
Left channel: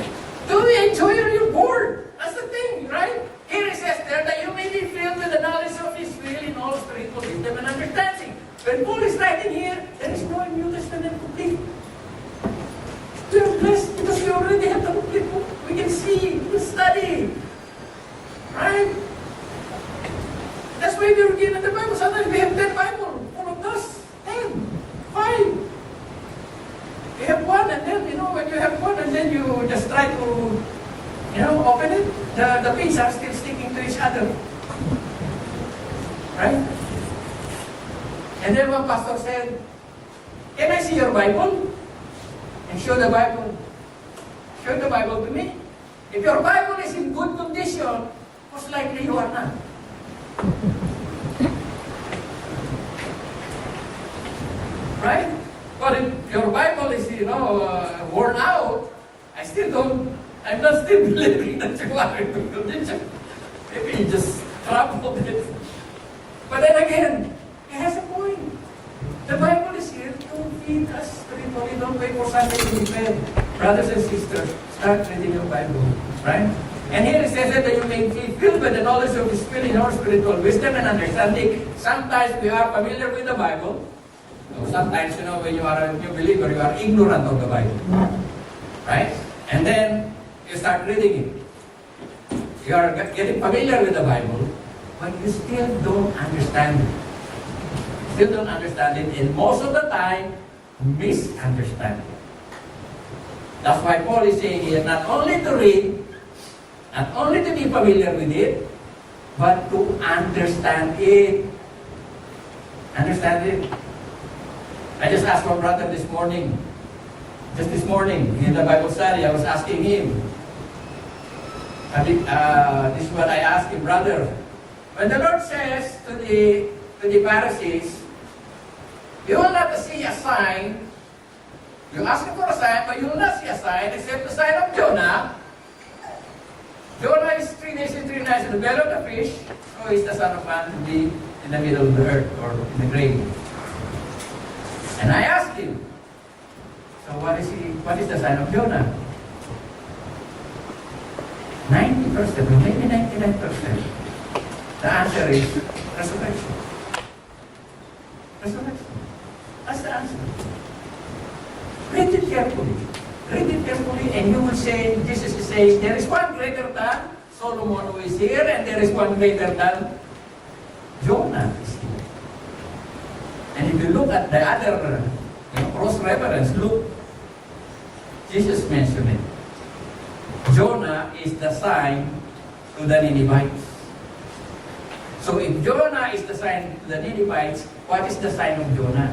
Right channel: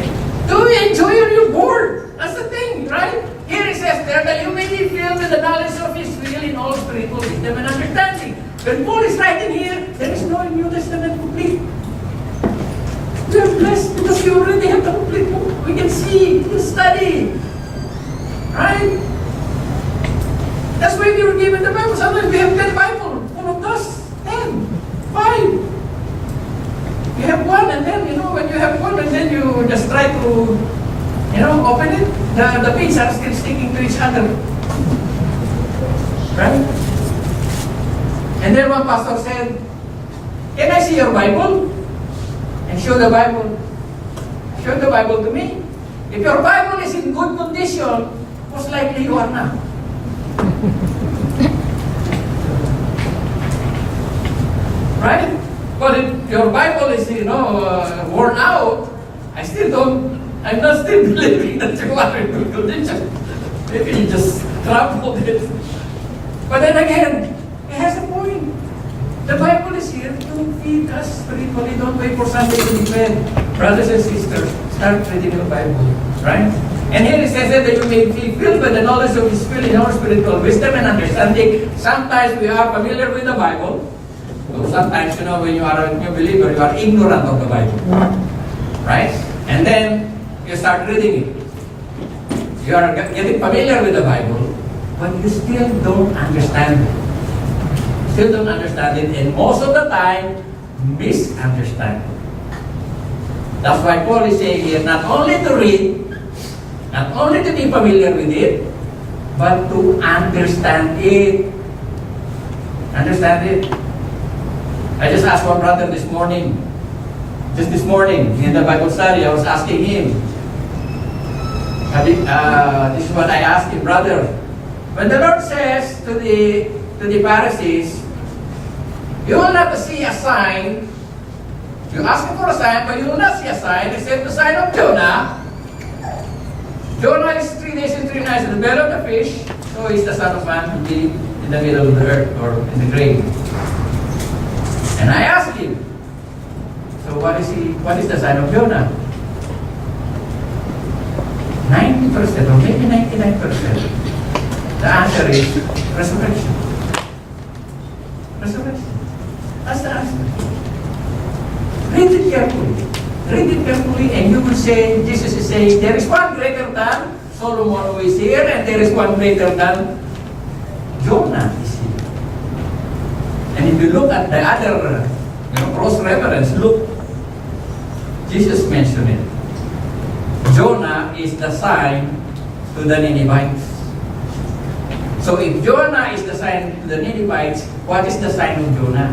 do you enjoy or you're bored? That's the thing, right? Here it says there that you may be filled with the knowledge of His will in all spiritual wisdom and understanding. When Paul is writing here, there is no New Testament complete. We are blessed because we already have the complete book. We can see, we can study. Right? That's why we were given the Bible. Sometimes we have 10 Bible full of dust. 10. 5. You have one and then, when you have one and then you just try to, open it, the pins are still sticking to each other. Right? And then one pastor said, "Can I see your Bible?" And show the Bible. Show the Bible to me. If your Bible is in good condition, most likely you are not. Right? But if your Bible is, worn out, I'm not still believing that you are in good condition. Maybe you just crumpled it. But then again, it has a point. The Bible is here to feed us spiritually. Don't wait for Sunday to be fed. Brothers and sisters, start reading your Bible. Right? And here it says that you may be filled with the knowledge of His will in our spiritual wisdom and understanding. Sometimes we are familiar with the Bible. So sometimes, when you are a new believer, you are ignorant of the Bible. Right? And then you start reading it. You are getting familiar with the Bible, but you still don't understand it. Still don't understand it, and most of the time, misunderstand it. That's why Paul is saying here, not only to read, not only to be familiar with it, but to understand it. Understand it? I just asked one brother this morning, in the Bible study, I was asking him, this is what I asked him, brother. When the Lord says to the Pharisees, you will not see a sign, you ask him for a sign, but you will not see a sign except the sign of Jonah. Jonah is 3 days and 3 nights in the belly of the fish, so he's the Son of Man to be in the middle of the earth or in the grave. And I asked him, so what is the sign of Jonah? 90% or maybe 99%. The answer is resurrection. Resurrection. That's the answer. Read it carefully. Read it carefully and you will say, Jesus is saying, there is one greater than Solomon who is here, and there is one greater than Jonah is here. And if you look at the other cross-reference, look, Jesus mentioned it. Jonah is the sign to the Ninevites. So if Jonah is the sign to the Ninevites, what is the sign of Jonah?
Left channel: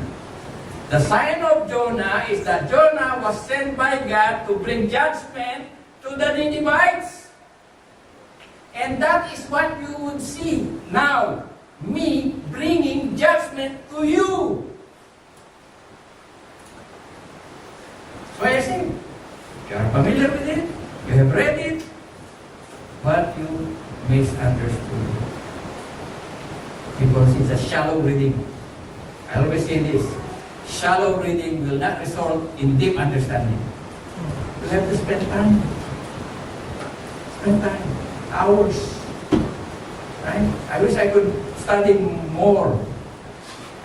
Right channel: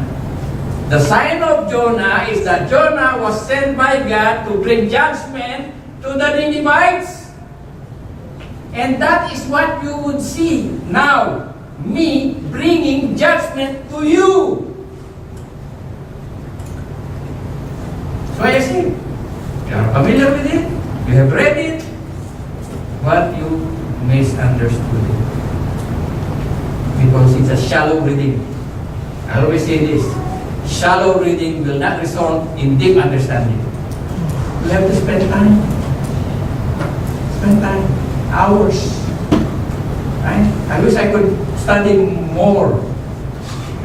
The sign of Jonah is that Jonah was sent by God to bring judgment to the Ninevites. And that is what you would see now, me bringing judgment to you. So I say, you are familiar with it, you have read it, but you misunderstood it. Because it's a shallow reading. I always say this, shallow reading will not result in deep understanding. You have to spend time. Spend time. Hours. Right? I wish I could study more.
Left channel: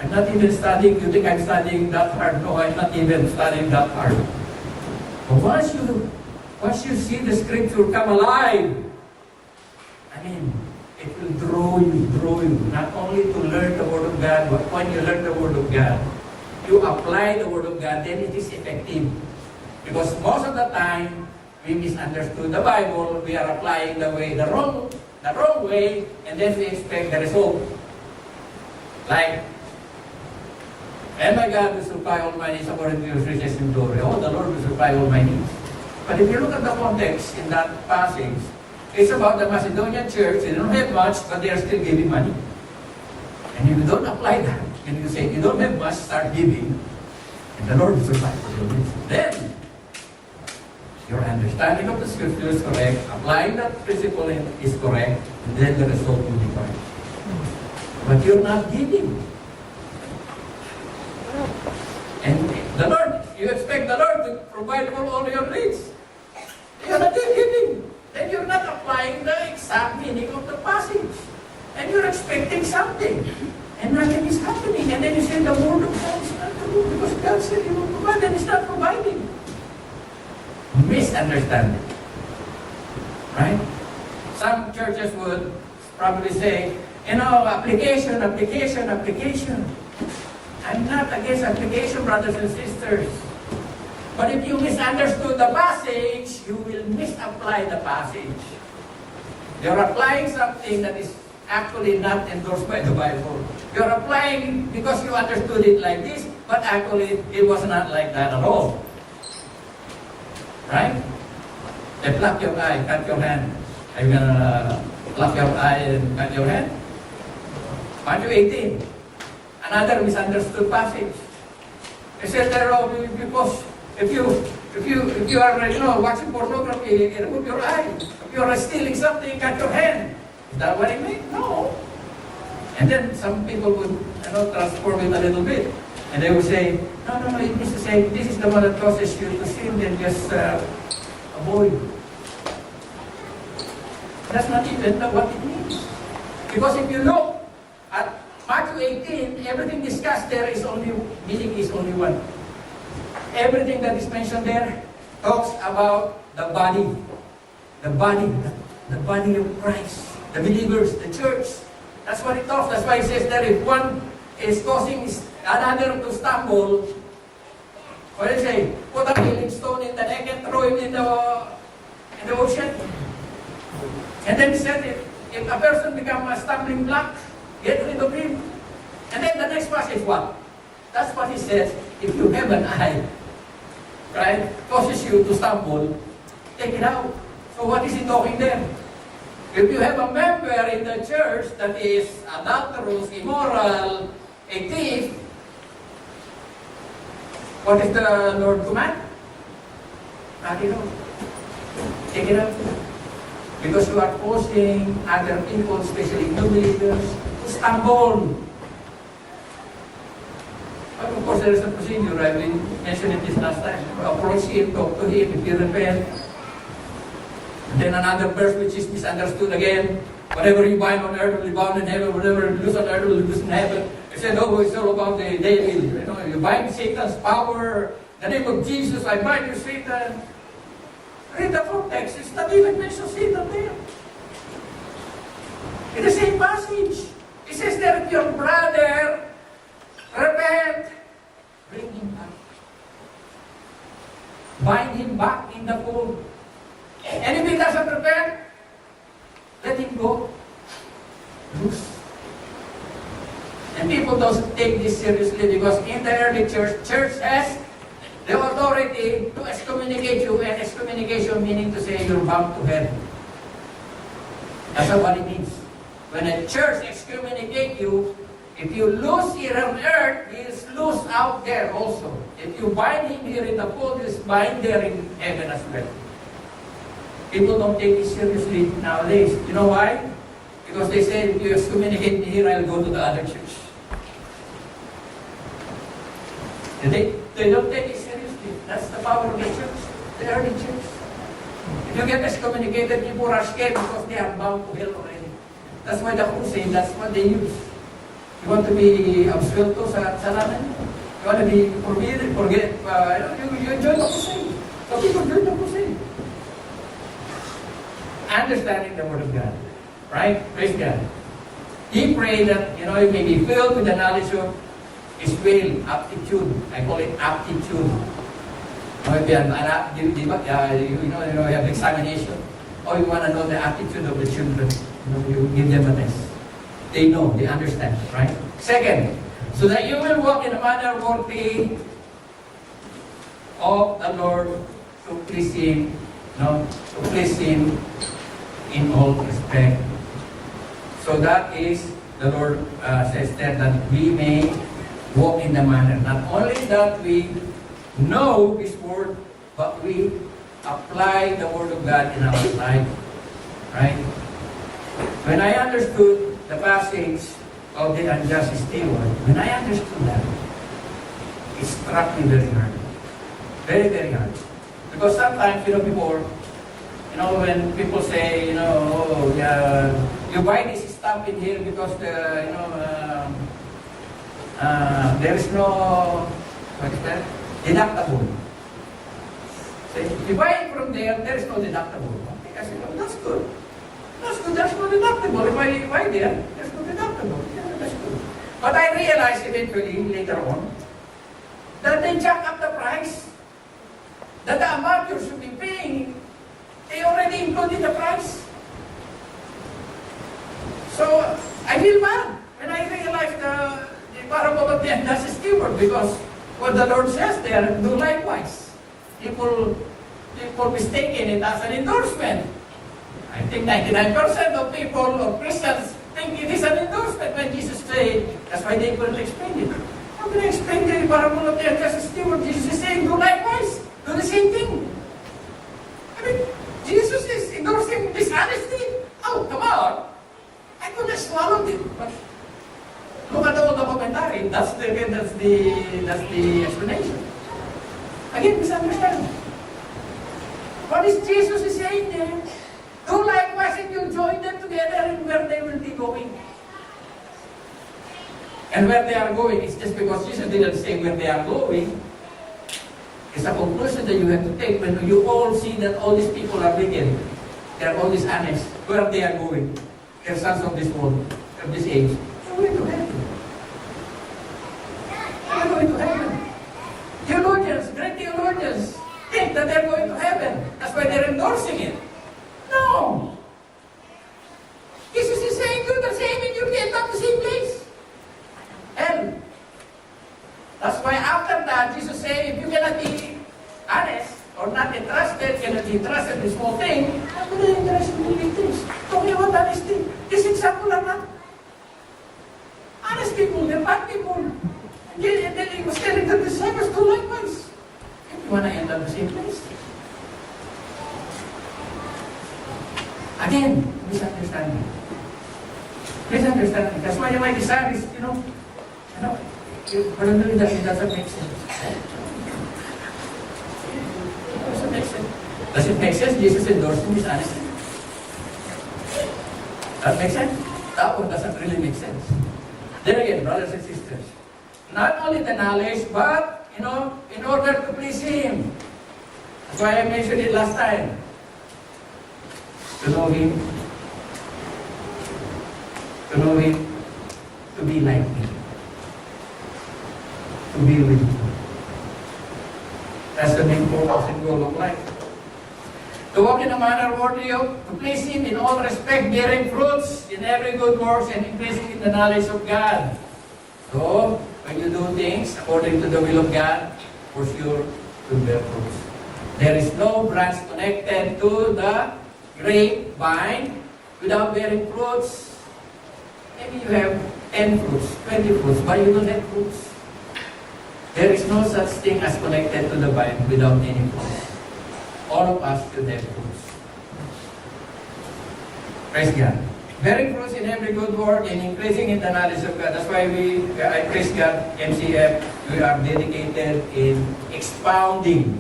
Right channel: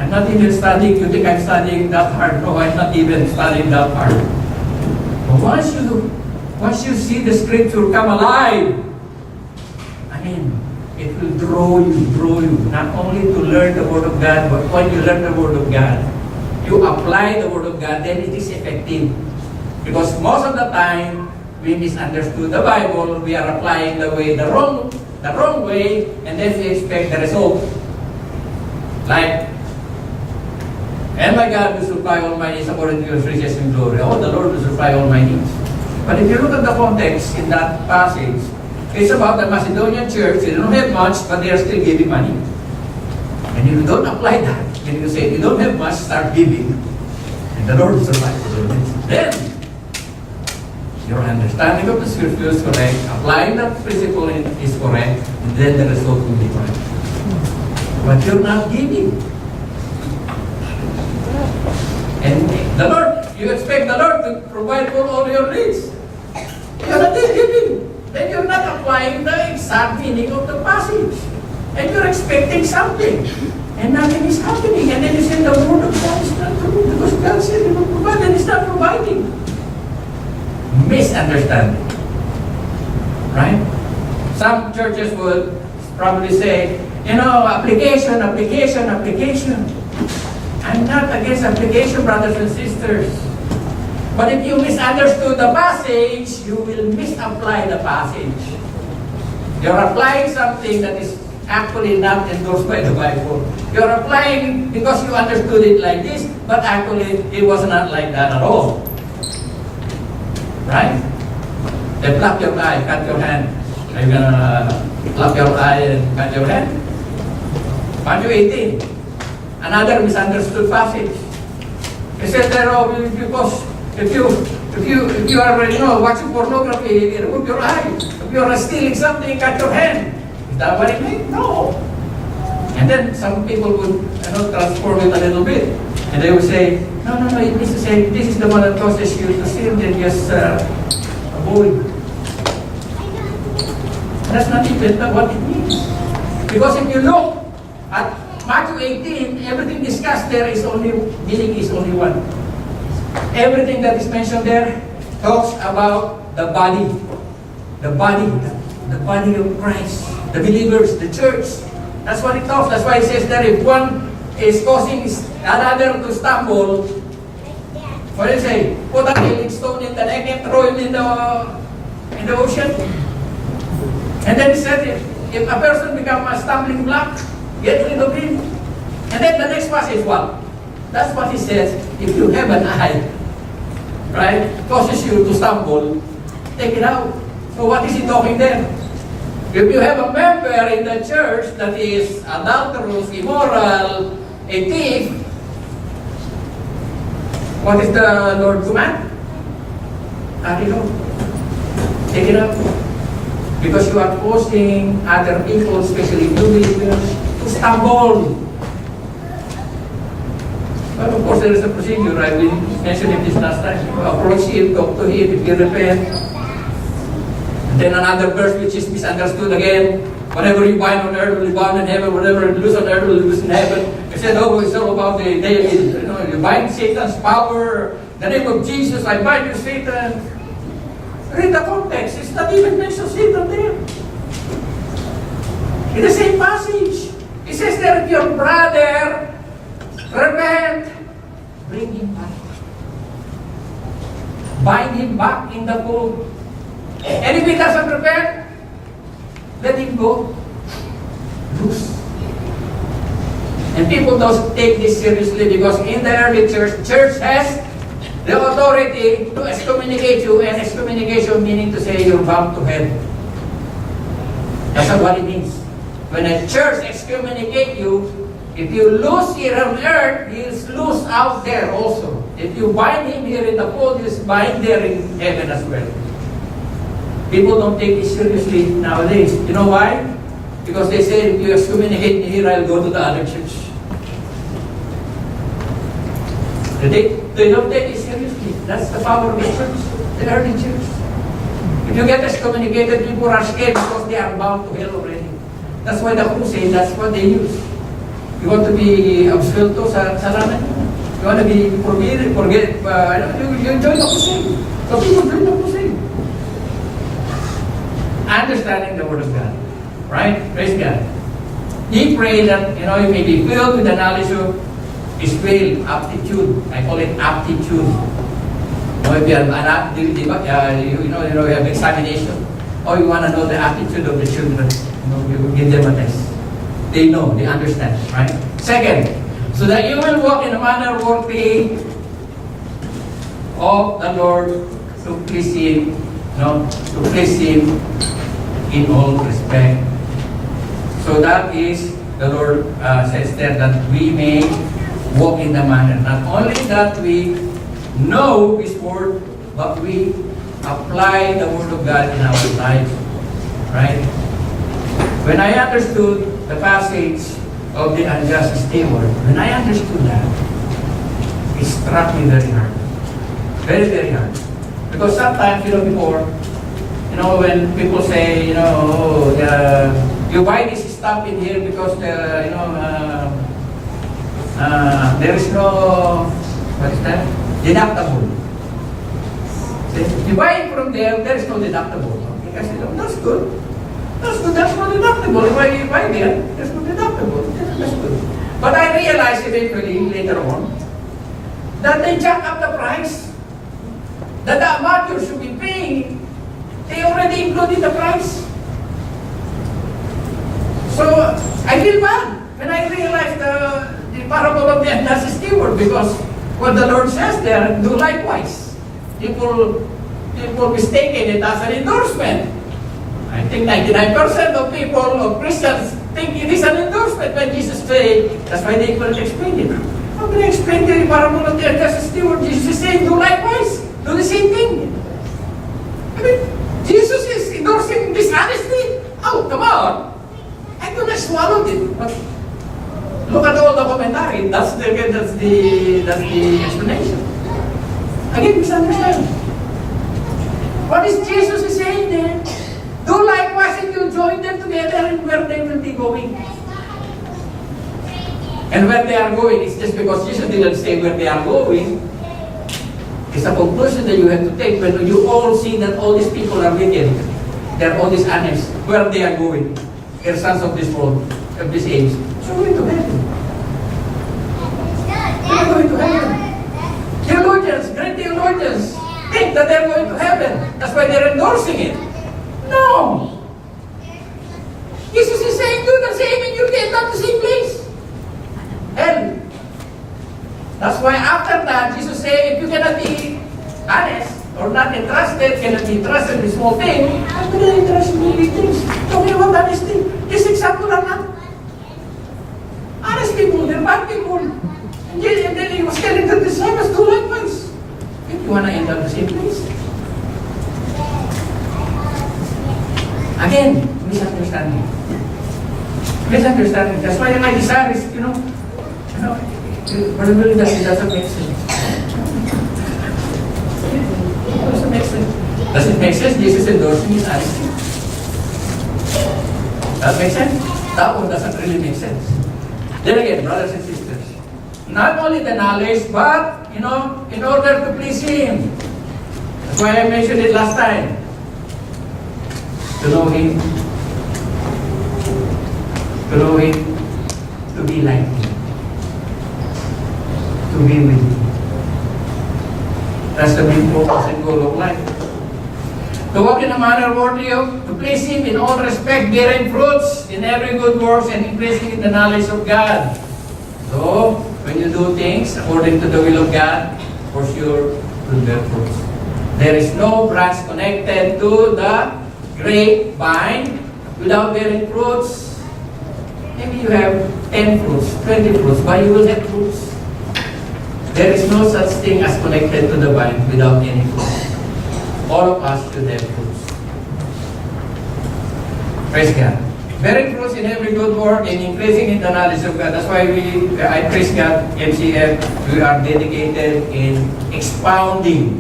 I'm not even studying. You think I'm studying that hard? No, I'm not even studying that hard. But once you see the scripture come alive, I mean, it will draw you, not only to learn the Word of God, but when you learn the Word of God, you apply the Word of God, then it is effective. Because most of the time, we misunderstood the Bible, we are applying the wrong way, and then we expect the result. Like, and my God will supply all my needs according to His riches and glory. Oh, the Lord will supply all my needs. But if you look at the context in that passage, it's about the Macedonian church. They don't have much, but they are still giving money. And if you don't apply that, then you say, you don't have much, start giving. And the Lord will supply all needs. Then, your understanding of the scripture is correct, applying that principle is correct, and then the result will be correct. But you're not giving. And the Lord, you expect the Lord to provide for all your needs. You're not giving. Then you're not applying the exact meaning of the passage. And you're expecting something. And nothing is happening. And then you say the Word of God is not true. Because God said He will provide and He's not providing. Misunderstanding. Right? Some churches would probably say, application. I'm not against application, brothers and sisters. But if you misunderstood the passage, you will misapply the passage. You're applying something that is actually not endorsed by the Bible. You're applying because you understood it like this, but actually it was not like that at all. Right? Then pluck your eye, cut your hand. Are you gonna pluck your eye and cut your hand? Matthew 18. Another misunderstood passage. He said there, because if you are watching pornography, remove your eye. If you are stealing something, cut your hand. Is that what it means? No. And then some people would transform it a little bit, and they would say, no. It means to say this is the one that causes you to sin. Then just avoid. That's not even what it means. Because if you look at Matthew 18, everything discussed there meaning is only one. Everything that is mentioned there talks about the body of Christ, the believers, the church. That's what it talks. That's why it says that if one is causing another to stumble, what do you say? Put a killing stone in the neck and throw him in the ocean. And then he said, if a person becomes a stumbling block, get rid of him. And then the next passage, what? That's what he says. If you have an eye, right, causes you to stumble, take it out. So what is he talking there? If you have a member in the church that is adulterous, immoral, a thief, what is the Lord command? Cut it out. Take it out. Because you are causing other people, especially new believers, to stumble. But of course, there is a procedure. I will mention it this last time. You approach him, talk to him, if he repent. Then another verse which is misunderstood again. Whatever you bind on earth will be bound in heaven. Whatever you loose on earth will be loose in heaven. He said, it's all about the day. You bind Satan's power. In the name of Jesus, I bind you, Satan. Read the context. It's not even mentioned Satan there. In the same passage, it says that if your brother repent, bring him back. Bind him back in the fold. And if he doesn't repent, let him go. Loose. And people don't take this seriously because in the early church has the authority to excommunicate you, and excommunication meaning to say you're bound to hell. That's what it means. When a church excommunicate you, if you lose here on earth, he is loose out there also. If you bind him here in the fold, he is bind there in heaven as well. People don't take it seriously nowadays. You know why? Because they say, if you excommunicate me here, I'll go to the other church. They don't take it seriously. That's the power of the church, the early church. If you get excommunicated, people are scared because they are bound to hell already. That's why the crusade, that's what they use. You want to be absuelto sa salanan? You want to be you join the crusade. So people join the crusade. Understanding the Word of God. Right? Praise God. He prayed that, you may be filled with the knowledge of His will, aptitude. I call it aptitude. If you have you have examination. Or you want to know the aptitude of the children. You give them a test. They know, they understand, right? Second, so that you will walk in a manner worthy of the Lord to please Him, to please Him in all respect. So that is, the Lord says there that we may walk in the manner. Not only that we know His Word, but we apply the Word of God in our life, right? When I understood the passage of the unjust steward, when I understood that, it struck me very hard. Very, very hard. Because sometimes, before, when people say, you buy this stuff in here because, there is no, what is that? Deductible. See, you buy it from there is no deductible. Okay, I said, that's good. That's good, there's no deductible. If I buy there, there's no deductible. Yeah, that's good. But I realized eventually, later on, that they jack up the price. That the amount you should be paying, they already included the price. So, I feel bad when I realized the parable of the unjust steward, because what the Lord says there, do likewise. People mistaken it as an endorsement. I think 99% of people, of Christians, think it is an endorsement when Jesus said, that's why they couldn't explain it. How can I explain the parable of the unjust steward? Jesus is saying, do likewise. Do the same thing. I mean, Jesus is endorsing dishonesty. Oh, come on. I could have swallowed it. But look at all the commentary. That's the explanation. Again, misunderstand. What is Jesus is saying there? Do likewise and you join them together in where they will be going. And where they are going, it's just because Jesus didn't say where they are going. It's a conclusion that you have to take when you all see that all these people are wicked. They're all dishonest. Where they are going. They're sons of this world, of this age. So going to heaven. They're going to heaven. Theologians, great theologians, think that they're going to heaven. That's why they're endorsing it. No! Jesus is saying, do the same and you'll end up the same place. Hell. That's why after that, Jesus said, if you cannot be honest or not entrusted, cannot be trusted in small things, I'm going to entrust in big things. Talking about honesty. This example are not honest people, they're bad people. And then he was telling the disciples, do likewise. If you want to end up the same place. Again, misunderstanding. Misunderstanding. That's why my desire is, probably it doesn't make sense. It doesn't make sense. Does it make sense? Jesus endorsing his honesty. That makes sense? That one doesn't really make sense. Then again, brothers and sisters, not only the knowledge, but, in order to please Him. That's why I mentioned it last time. To know Him, to be like Him, to be with Him. That's the main focus and goal of life. To walk in a manner worthy of, to please Him in all respect, bearing fruits in every good works and increasing in the knowledge of God. So, when you do things according to the will of God, for sure, will bear fruits. There is no branch connected to the grapevine without bearing fruits. Maybe you have 10 fruits, 20 fruits, but you will have fruits. There is no such thing as connected to the vine without any fruits. All of us should have fruits. Praise God. Bearing fruits in every good work and increasing in the knowledge of God. That's why I praise God, MCF, we are dedicated in expounding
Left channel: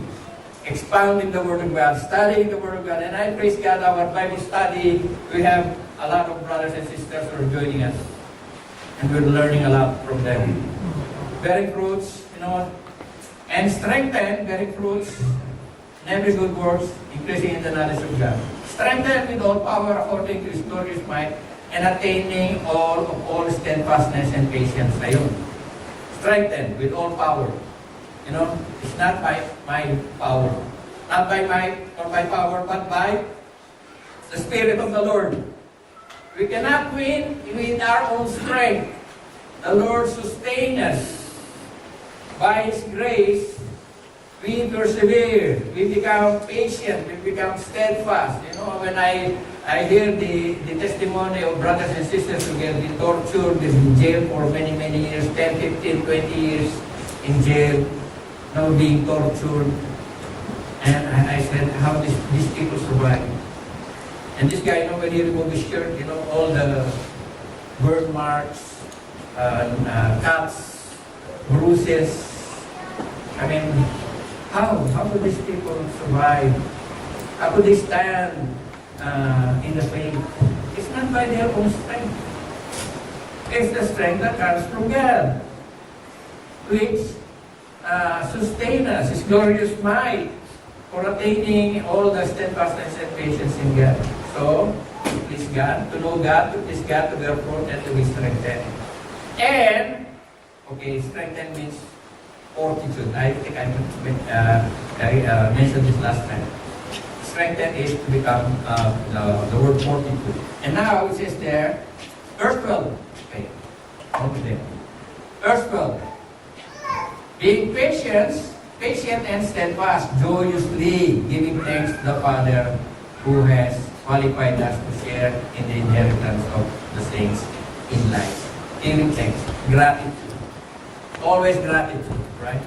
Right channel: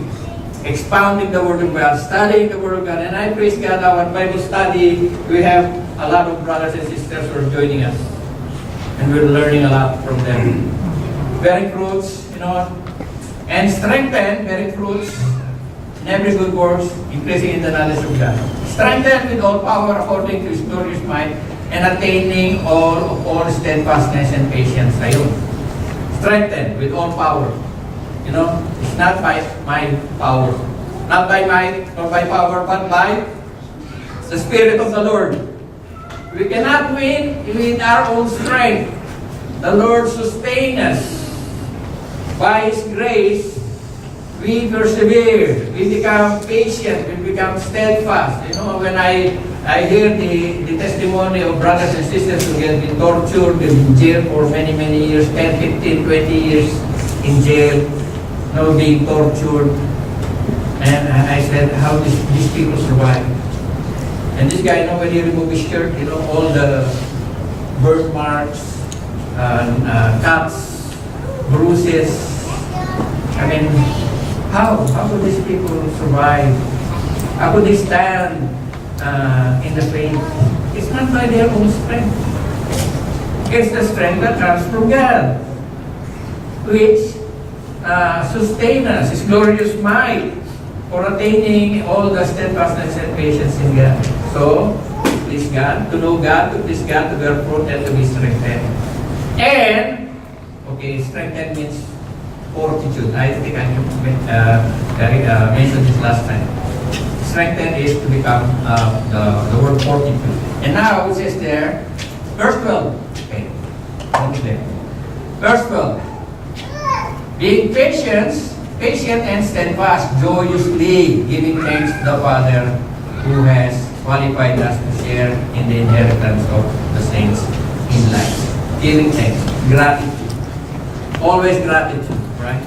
the Word of God, studying the Word of God. And I praise God, our Bible study, we have a lot of brothers and sisters who are joining us. And we're learning a lot from them. Bearing fruits, and strengthen, bearing fruits in every good works, increasing in the knowledge of God. Strengthen with all power according to His glorious might, and attaining all steadfastness and patience. Ayun. Strengthen with all power. It's not by my power. Not by might or by power, but by the Spirit of the Lord. We cannot win with our own strength. The Lord sustains us. By His grace, we persevere, we become patient, we become steadfast. When I hear the testimony of brothers and sisters who have been tortured in jail for many, many years, 10, 15, 20 years in jail, being tortured. And I said, how these people survive? And this guy, when he removed his shirt, all the birthmarks, cuts, bruises. I mean, how could these people survive? How could they stand in the faith? It's not by their own strength. It's the strength that comes from God, which sustains us, His glorious might, for attaining all the steadfastness and patience in God. So, please God, to know God, to please God, to bear fruit, and to be strengthened. And, strengthened means fortitude. I think I mentioned this last time. Strengthen is to become the word fortitude. And now it says there, verse 12. Okay, only there. Verse 12. Being patient and steadfast, joyously giving thanks to the Father who has qualified us to share in the inheritance of the saints in life. Giving thanks, gratitude. Always gratitude. Right?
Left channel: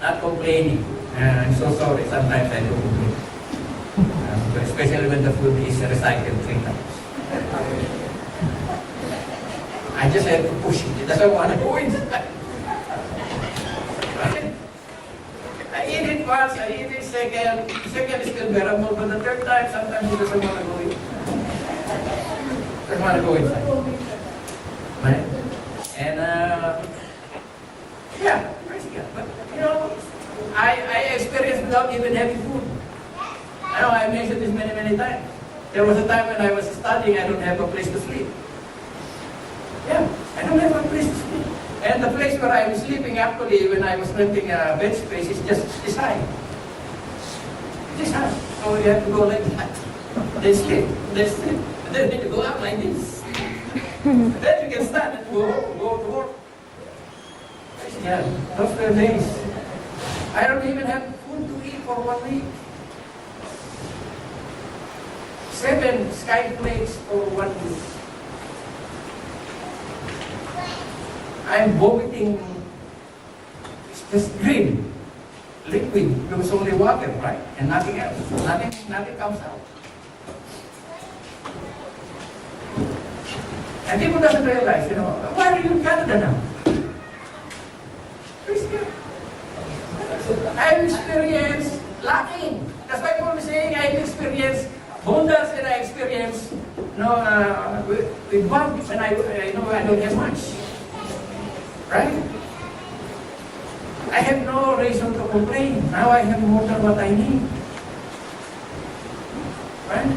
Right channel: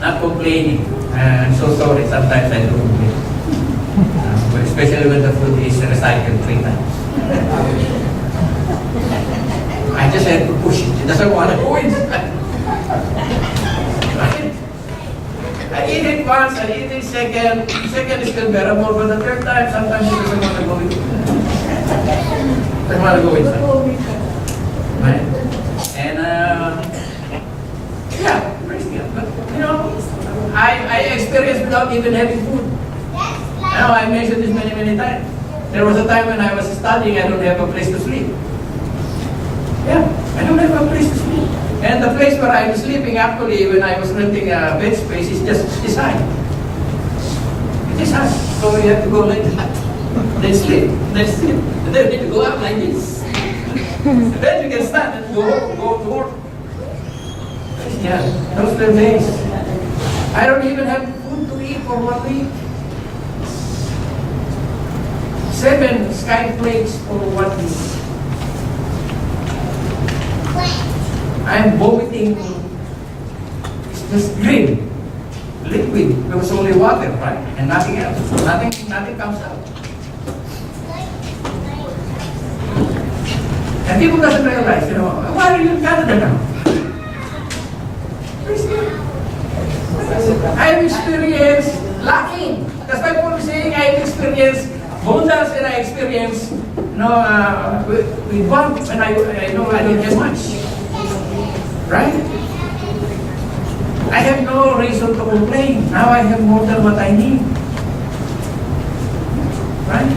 Not complaining. I'm so sorry sometimes I don't complain. Especially when the food is recycled 3 times. I just have to push it. It doesn't want to go inside. Right? I eat it once, I eat it second. Second is still bearable, but the third time, sometimes it doesn't want to go inside. Doesn't want to go inside. Right? And, yeah. But, I experienced without even having food. I mentioned this many, many times. There was a time when I was studying, I don't have a place to sleep. Yeah, I don't have a place to sleep. And the place where I was sleeping, actually, when I was renting a bed space, is just this high. This high. So you have to go like that. Then sleep. And then you need to go out like this. Then you can stand and go to work. Yeah, those were days. I don't even have food to eat for 1 week. 7 sky flakes for 1 week. I'm vomiting. It's just green, liquid. There was only water, right? And nothing else. Nothing comes out. And people doesn't realize, why are you in Canada now? I've experienced lacking. That's why Paul is saying I've experienced abundance and I experienced with want when I know I don't have much. Right? I have no reason to complain. Now I have more than what I need. Right?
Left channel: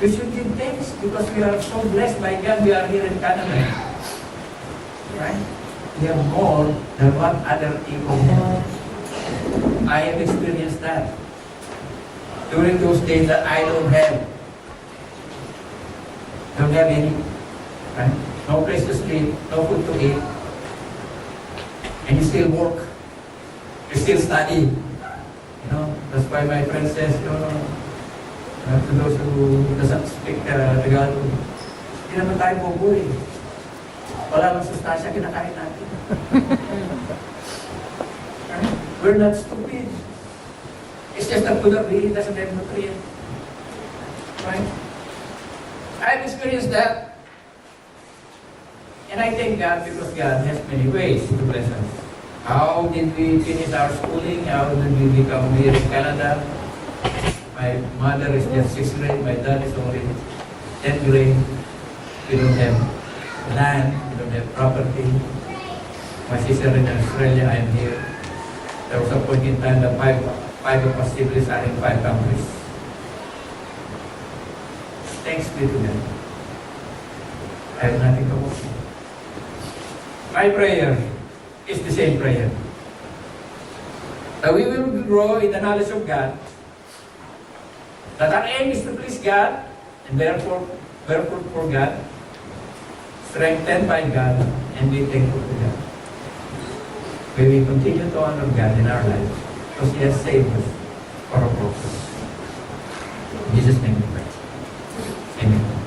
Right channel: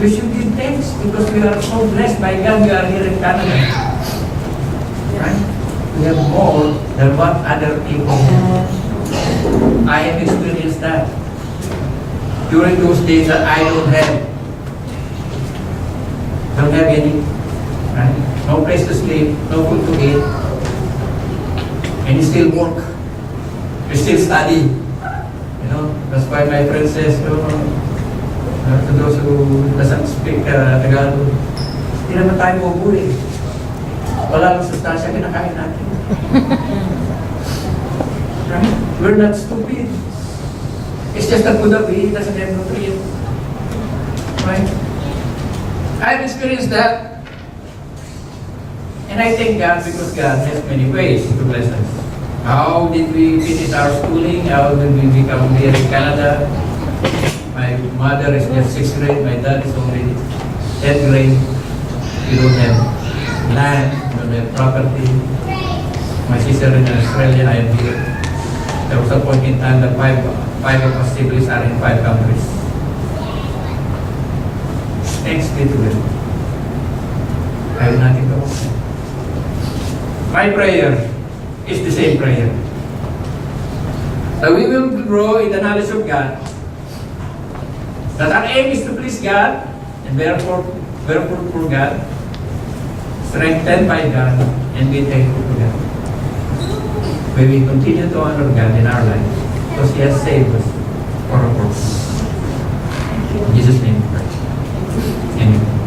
We should give thanks because we are so blessed by God. We are here in Canada. Right? We have more than what other people have. I have experienced that. During those days that I don't have any, right? No place to sleep, no food to eat, and you still work, you still study. That's why my friend says, to those who doesn't speak Tagalog, hindi naman tayo bubuhay. Wala lang sustansya kinakain natin. Right? We're not stupid. It's just that food that we eat doesn't have nutrients. Right? I've experienced that. And I thank God because God has many ways to bless us. How did we finish our schooling? How did we become here in Canada? My mother is just 6th grade. My dad is already 10th grade. We don't have land. We don't have property. My sister in Australia, I am here. There was a point in time that five of us siblings are in 5 countries. Thanks be to them. I have nothing to offer. My prayer is the same prayer. That we will grow in the knowledge of God. That our aim is to please God and therefore for God, strengthened by God, and be thankful to God. We will continue to honor God in our lives because He has saved us for a purpose. In Jesus' name we pray. Amen.